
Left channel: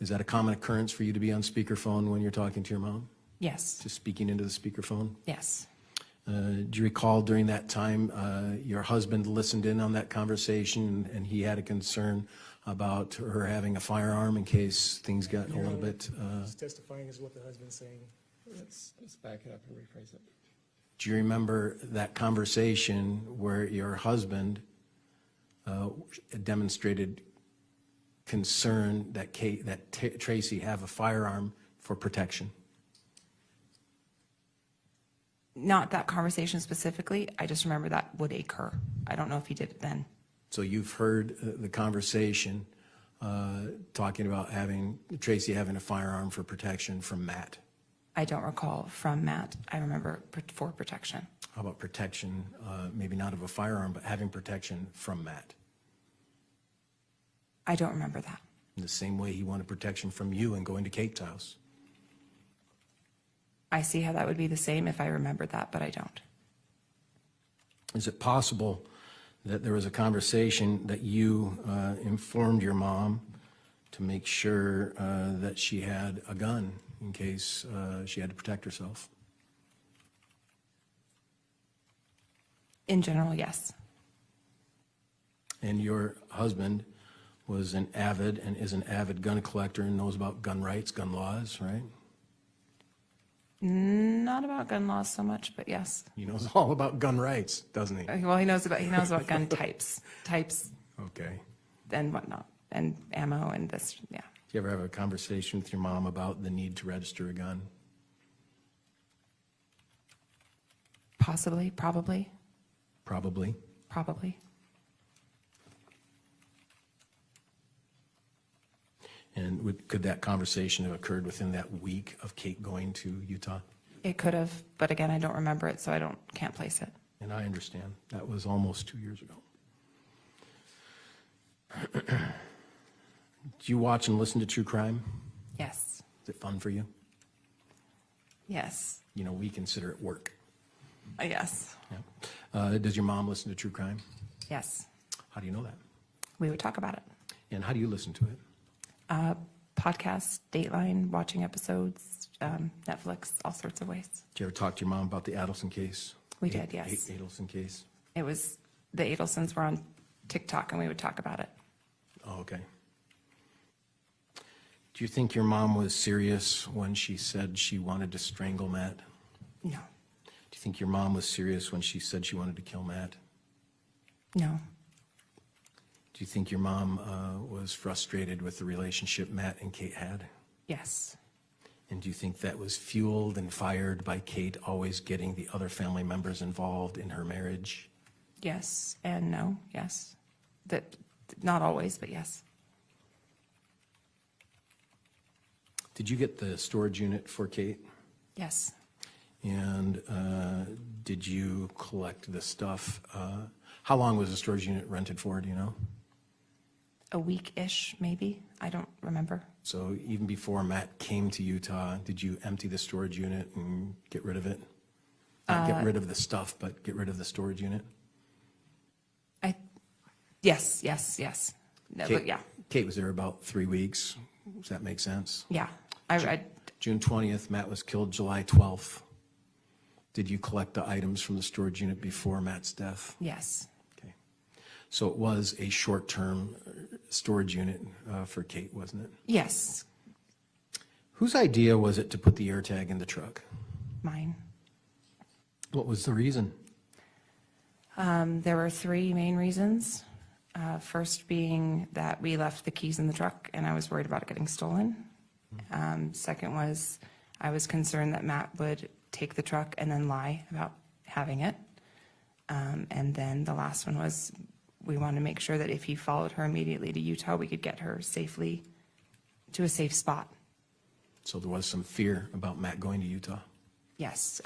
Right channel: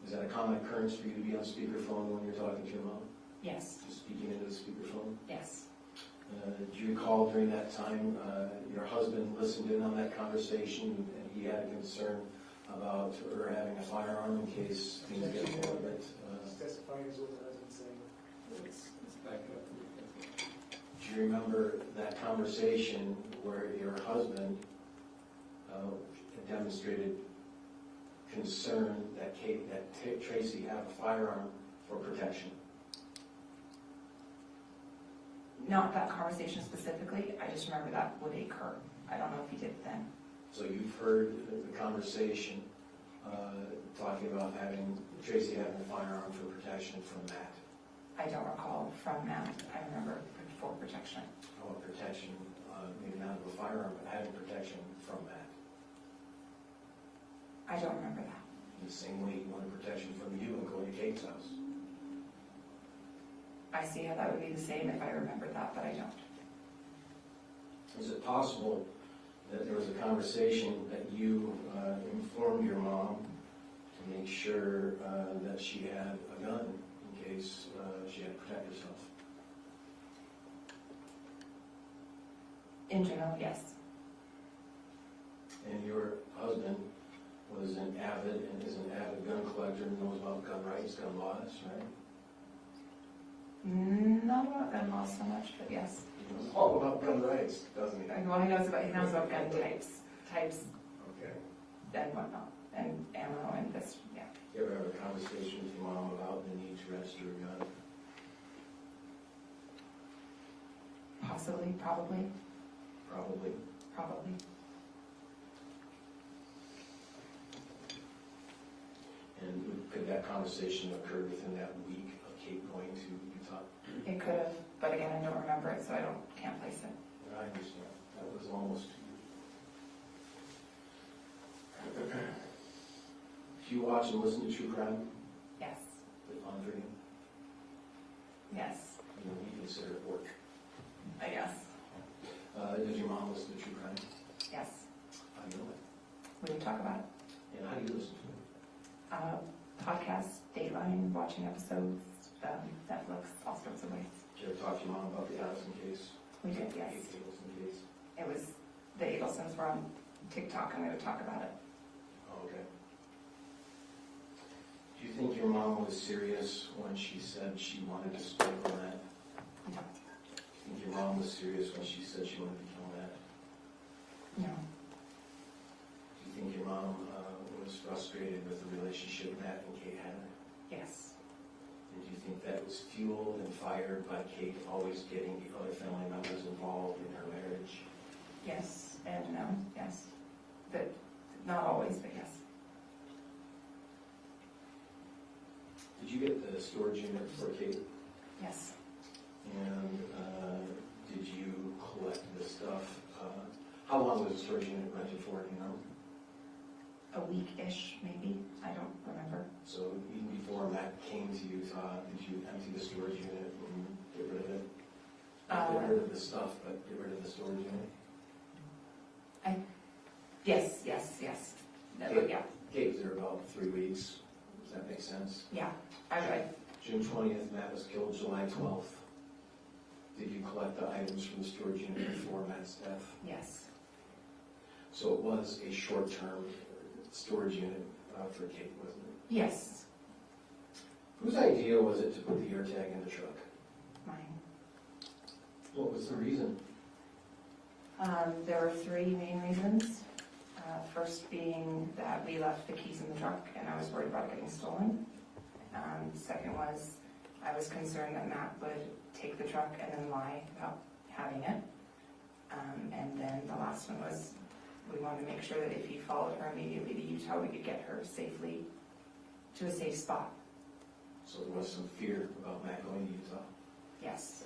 Is that a common occurrence for you to be on speakerphone when you're talking to your mom? yes, Just speaking into the speakerphone? yes. Do you recall during that time your husband listened in on that conversation and he had a concern about her having a firearm in case things got a little bit? He's testifying is what the husband's saying. Let's back it up really quick. Do you remember that conversation where your husband demonstrated concern that Tracey have a firearm for protection? Not that conversation specifically. I just remember that would occur. I don't know if he did it then. So you've heard the conversation talking about Tracey having a firearm for protection from Matt. I don't recall from Matt. I remember for protection. How about protection, maybe not of a firearm, but having protection from Matt? I don't remember that. In the same way he wanted protection from you and going to Kate's house. I see how that would be the same if I remembered that, but I don't. Is it possible that there was a conversation that you informed your mom to make sure that she had a gun in case she had to protect herself? In general, yes. And your husband was an avid and is an avid gun collector and knows about gun rights, gun laws, right? Not about gun laws so much, but yes. He knows all about gun rights, doesn't he? Well, he knows about gun types Okay. and whatnot, and ammo and this. Yeah. Do you ever have a conversation with your mom about the need to register a gun? Possibly, probably. Probably. And could that conversation have occurred within that week of Kate going to Utah? It could have, but again, I don't remember it, so I can't place it. And I understand. That was almost 2 years ago. Do you watch and listen to true crime? Yes. Is it fun for you? Yes. You know, we consider it work. I guess. Does your mom listen to true crime? Yes. How do you know that? We would talk about it. And how do you listen to it? podcasts, Dateline, watching episodes, Netflix, all sorts of ways. Did you ever talk to your mom about the Adelson case? We did, yes. Adelson case? It was, the Adelsons were on TikTok and we would talk about it. Oh, okay. Do you think your mom was serious when she said she wanted to strangle Matt? No. Do you think your mom was serious when she said she wanted to kill Matt? No. Do you think your mom was frustrated with the relationship Matt and Kate had? Yes. And do you think that was fueled and fired by Kate always getting the other family members involved in her marriage? Yes and no. Yes. That, not always, but yes. Did you get the storage unit for Kate? Yes. And did you collect the stuff? How long was the storage unit rented for, do you know? A week-ish, maybe. I don't remember. So even before Matt came to Utah, did you empty the storage unit and get rid of it? Not get rid of the stuff, but get rid of the storage unit? Yes. No, Kate, but yeah. Kate was there about 3 weeks. Does that make sense? Yeah. I read. June 20th, Matt was killed July 12th. Did you collect the items from the storage unit before Matt's death? Yes. Okay. So it was a short-term storage unit for Kate, wasn't it? Yes. Whose idea was it to put the AirTag in the truck? Mine. What was the reason? There were three main reasons. First being that we left the keys in the truck and I was worried about it getting stolen. Second was I was concerned that Matt would take the truck and then lie about having it. And then the last one was we wanted to make sure that if he followed her immediately to Utah, we could get her safely to a safe spot. So there was some fear about Matt going to Utah. Yes,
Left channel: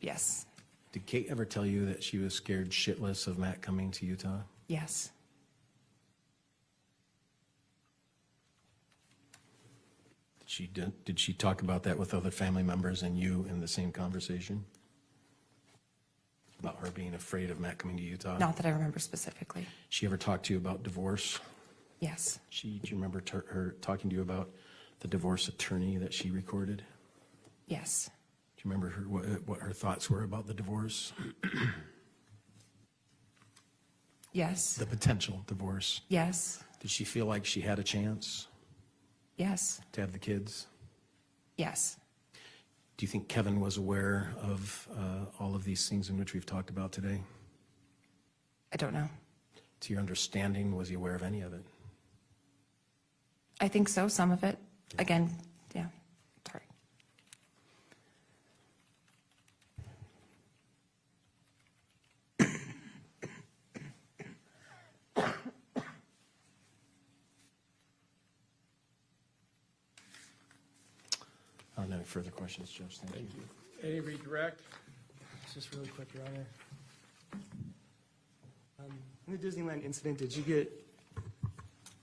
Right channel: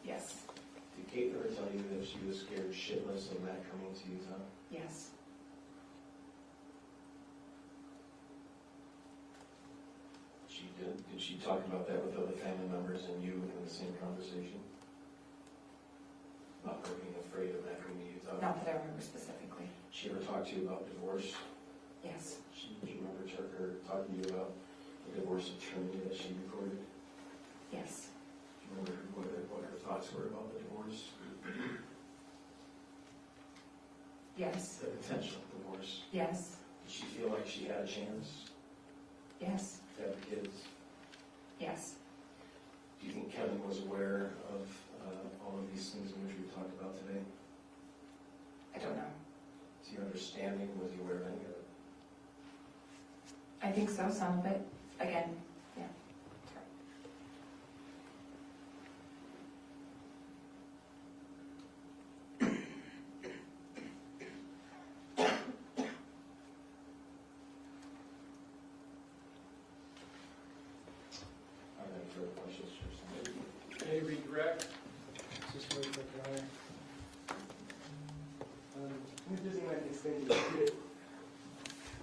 yes, Did Kate ever tell you that she was scared shitless of Matt coming to Utah? yes. Did she talk about that with other family members and you in the same conversation? About her being afraid of Matt coming to Utah? Not that I remember specifically. She ever talked to you about divorce? Yes, Do you remember her talking to you about the divorce attorney that she recorded? yes, Do you remember what her thoughts were about the divorce? yes, The potential divorce. yes, Did she feel like she had a chance yes, to have the kids? yes. Do you think Kevin was aware of all of these things in which we've talked about today? I don't know. To your understanding, was he aware of any of it? I think so, some of it. Again, yeah, sorry. I don't have any further questions, Judge. Thank you. Any redirect? Just really quick, Your Honor. In the Disneyland incident,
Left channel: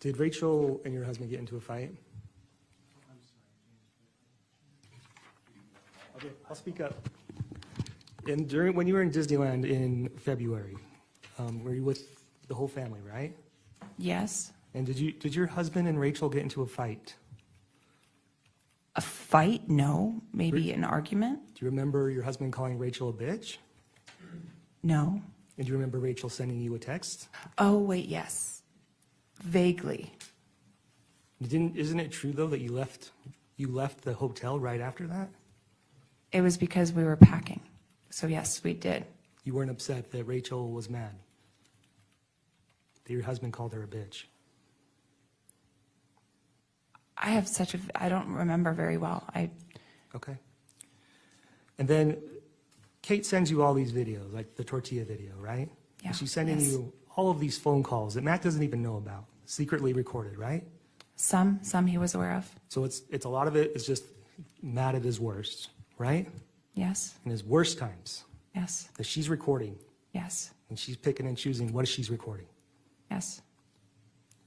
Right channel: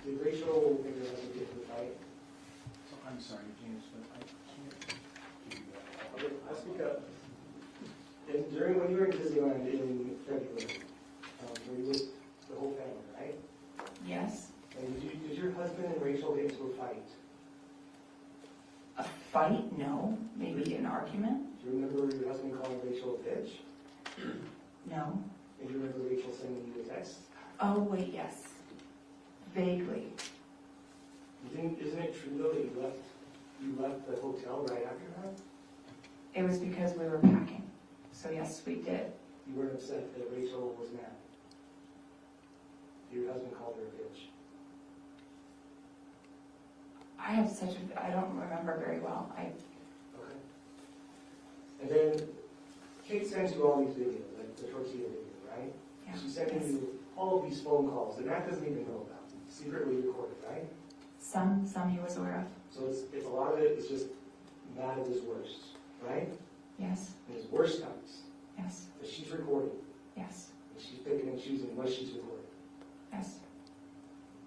did Rachel and your husband get into a fight? I'm sorry, James, but I can't. Okay, I'll speak up. When you were in Disneyland in February, were you with the whole family, right? Yes. And did your husband and Rachel get into a fight? A fight? No. Maybe an argument? Do you remember your husband calling Rachel a bitch? No. And do you remember Rachel sending you a text? Oh, wait, yes. Vaguely. Isn't it true though that you left the hotel right after that? It was because we were packing. So yes, we did. You weren't upset that Rachel was mad? That your husband called her a bitch? I don't remember very well. Okay. And then Kate sends you all these videos, like the tortilla video, right? Yeah. And she's sending yes. you all of these phone calls that Matt doesn't even know about, secretly recorded, right? Some he was aware of. So it's a lot of it is just Matt at his worst, right? Yes. In his worst times, Yes. that she's recording, Yes. and she's picking and choosing what she's recording. Yes.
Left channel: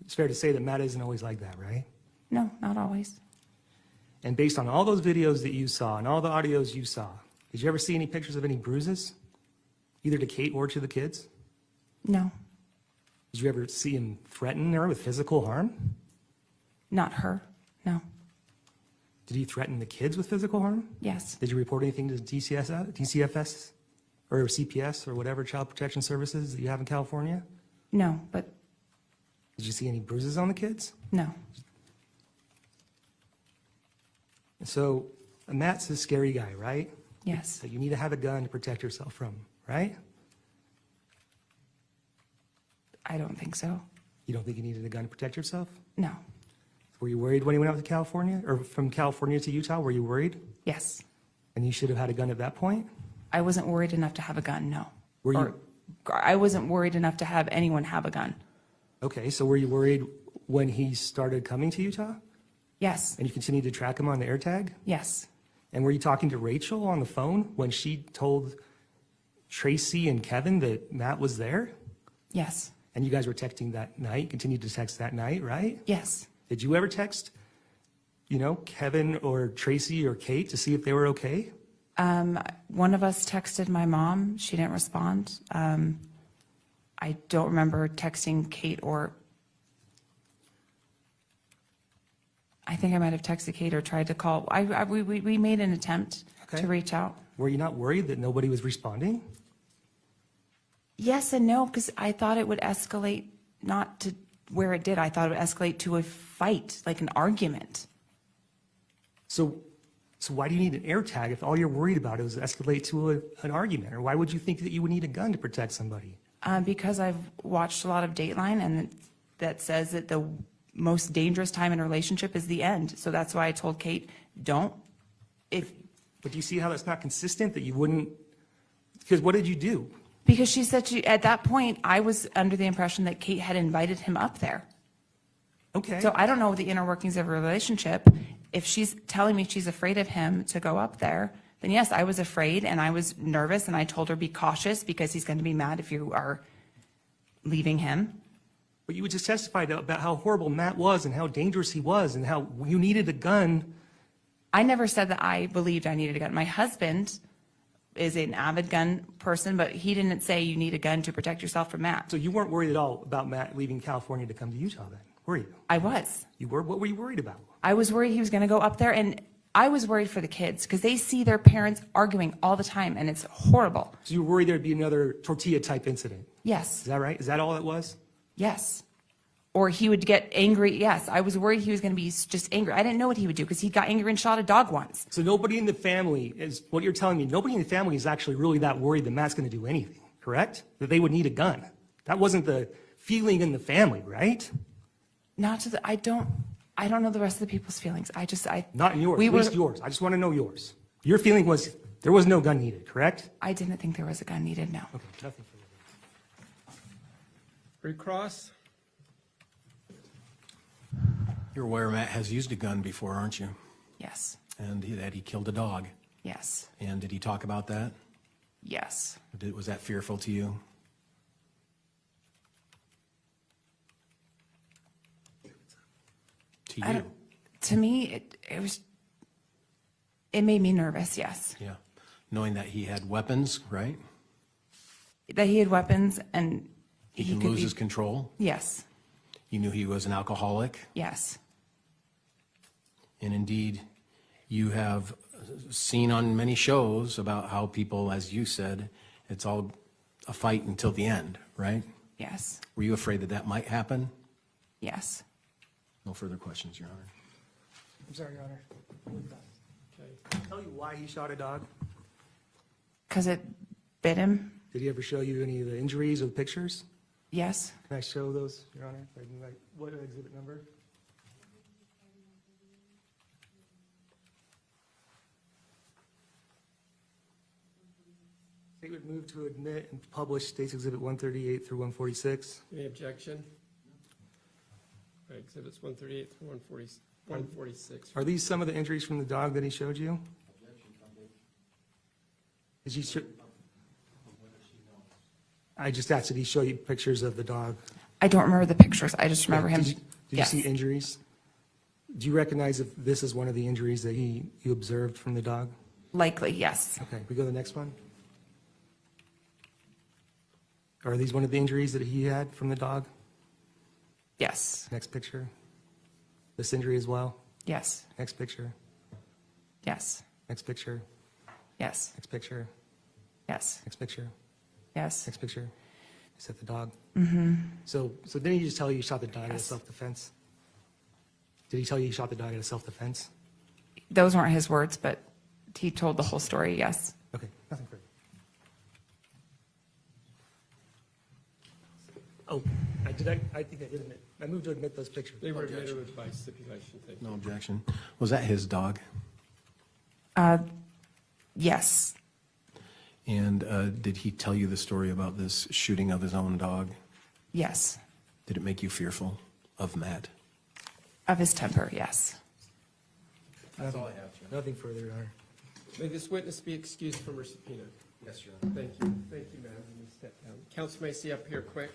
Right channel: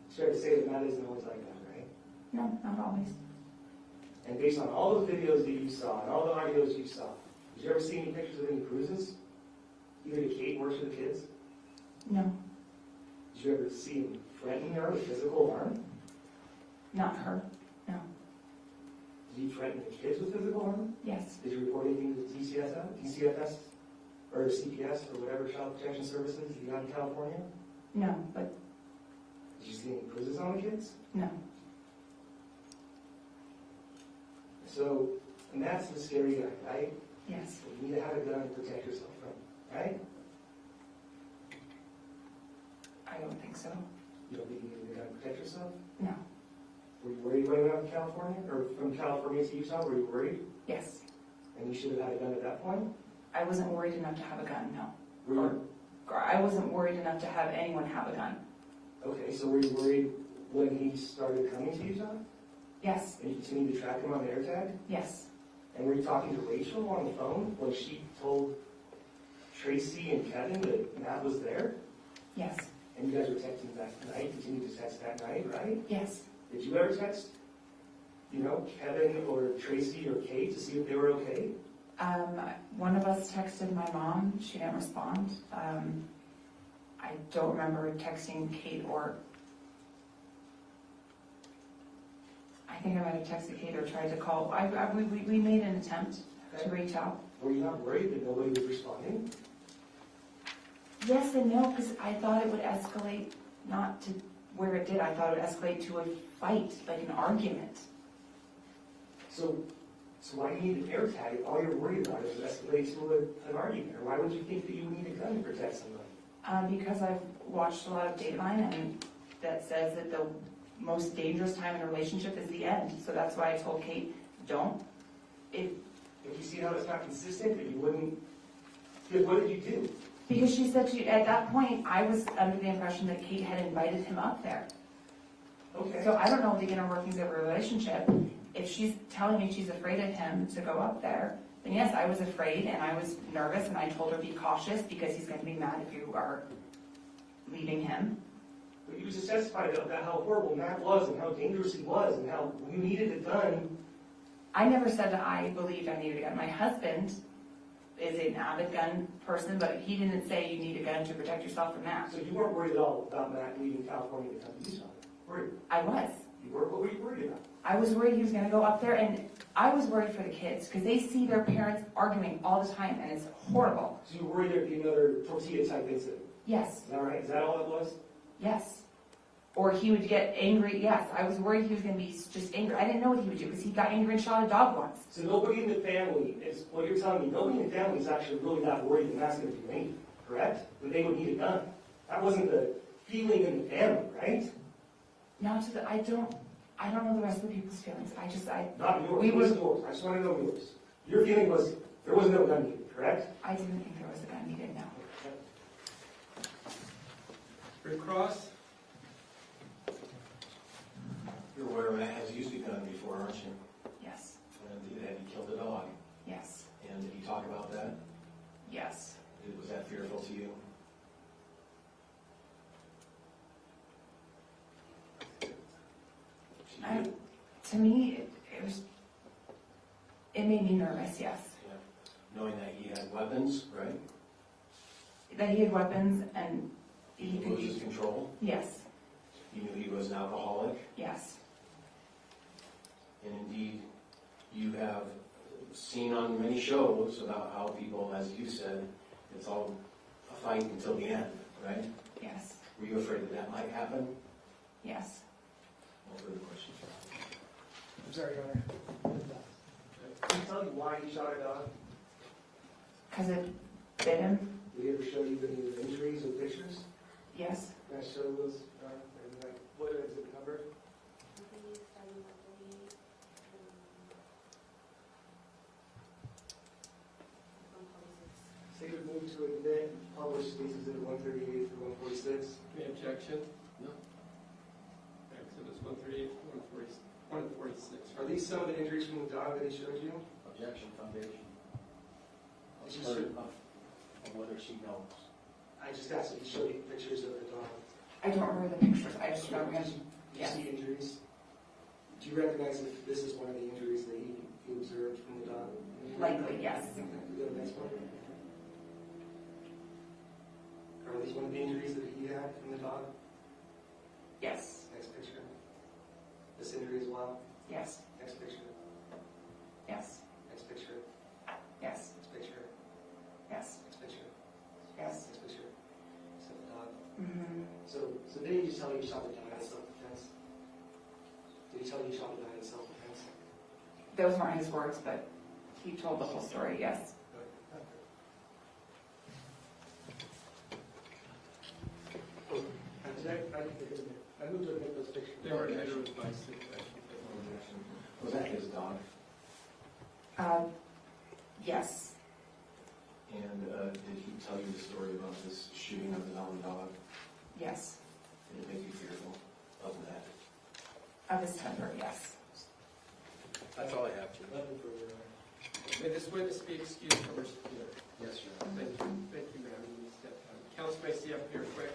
It's fair to say that Matt isn't always like that, right? No, not always. And based on all those videos that you saw and all the audios you saw, did you ever see any pictures of any bruises? Either to Kate or to the kids? No. Did you ever see him threaten her with physical harm? Not her. No. Did he threaten the kids with physical harm? Yes. Did you report anything to DCFS or CPS or whatever child protection services that you have in California? No, but Did you see any bruises on the kids? no. So Matt's a scary guy, right? Yes. That you need to have a gun to protect yourself from, right? I don't think so. You don't think you needed a gun to protect yourself? No. Were you worried when you went out to California, or from California to Utah? Were you worried? Yes. And you should have had a gun at that point? I wasn't worried enough to have a gun, no. Were you? I wasn't worried enough to have anyone have a gun. Okay, so were you worried when he started coming to Utah? Yes. And you continued to track him on the AirTag? Yes. And were you talking to Rachel on the phone when she told Tracey and Kevin that Matt was there? Yes. And you guys were texting that night, continued to text that night, right? Yes. Did you ever text, Kevin or Tracey or Kate to see if they were okay? One of us texted my mom. She didn't respond. I don't remember texting Kate or... I think I might have texted Kate or tried to call. We made an attempt Okay. to reach out. Were you not worried that nobody was responding? Yes and no, because I thought it would escalate not to where it did. I thought it would escalate to a fight, like an argument. So why do you need an AirTag if all you're worried about is escalate to an argument? Or why would you think that you would need a gun to protect somebody? Because I've watched a lot of Dateline, and that says that the most dangerous time in a relationship is the end. So that's why I told Kate, don't. But do you see how that's not consistent, that you wouldn't? Because what did you do? Because she said at that point, I was under the impression that Kate had invited him up there. Okay. So I don't know the inner workings of a relationship. If she's telling me she's afraid of him to go up there, then yes, I was afraid and I was nervous, and I told her be cautious because he's going to be mad if you are leaving him. But you just testified about how horrible Matt was and how dangerous he was and how you needed a gun. I never said that I believed I needed a gun. My husband is an avid gun person, but he didn't say you need a gun to protect yourself from Matt. So you weren't worried at all about Matt leaving California to come to Utah then, were you? I was. You were? What were you worried about? I was worried he was going to go up there, and I was worried for the kids because they see their parents arguing all the time, and it's horrible. So you were worried there'd be another tortilla type incident. Yes. Is that right? Is that all it was? Yes. Or he would get angry. Yes, I was worried he was going to be just angry. I didn't know what he would do because he got angry and shot a dog once. So nobody in the family is, what you're telling me, nobody in the family is actually really that worried that Matt's going to do anything, correct? That they would need a gun. That wasn't the feeling in the family, right? Not to the, I don't know the rest of the people's feelings. Not yours, we at least were- yours. I just want to know yours. Your feeling was there was no gun needed, correct? I didn't think there was a gun needed, no. Okay. Red Cross? You're aware Matt has used a gun before, aren't you? Yes. And that he killed a dog. Yes. And did he talk about that? Yes. Was that fearful to you? To I you? don't- To me, it made me nervous, yes. Yeah. Knowing that he had weapons, right? That he had weapons and He he can could lose be, his control. yes, You knew he was an alcoholic. yes. And indeed, you have seen on many shows about how people, as you said, it's all a fight until the end, right? Yes, Were you afraid that that might happen? yes. No further questions, Your Honor. I'm sorry, Your Honor. Can I tell you why he shot a dog? Because it bit him, Did he ever show you any of the injuries or pictures? yes. Can I show those, Your Honor? What is exhibit number? Statement moved to admit and publish State's Exhibit 138 through 146. Any objection? No. Exhibits 138 to 146. Are these some of the injuries from the dog that he showed you? Objection, foundation. Did you? Whether she knows. I just asked, did he show you pictures of the dog? I don't remember the pictures. I just remember him. Did you Yes. see injuries? Do you recognize if this is one of the injuries that you observed from the dog? Likely, yes. Okay, we go to the next one. Are these one of the injuries that he had from the dog? Yes. Next picture. This injury as well? Yes. Next picture. Yes. Next picture. Yes. Next picture. Yes. Next picture. Yes. Next picture. Set the dog. Mm-hmm. So didn't he just tell you you shot the dog out of Yes. self-defense? Did he tell you you shot the dog out of self-defense? Those weren't his words, but he told the whole story, yes. Okay, nothing further. Oh, I think I did admit. I moved to admit those pictures. They were admitted by stipulation, thank you. No objection. Was that his dog? Yes. And did he tell you the story about this shooting of his own dog? Yes. Did it make you fearful of Matt? Of his temper, yes. That's all I have, Jim. Nothing further, Your Honor. May this witness be excused from her subpoena? Yes, Your Honor. Thank you. Thank you, ma'am. You may step down. Counsel may see up here quick.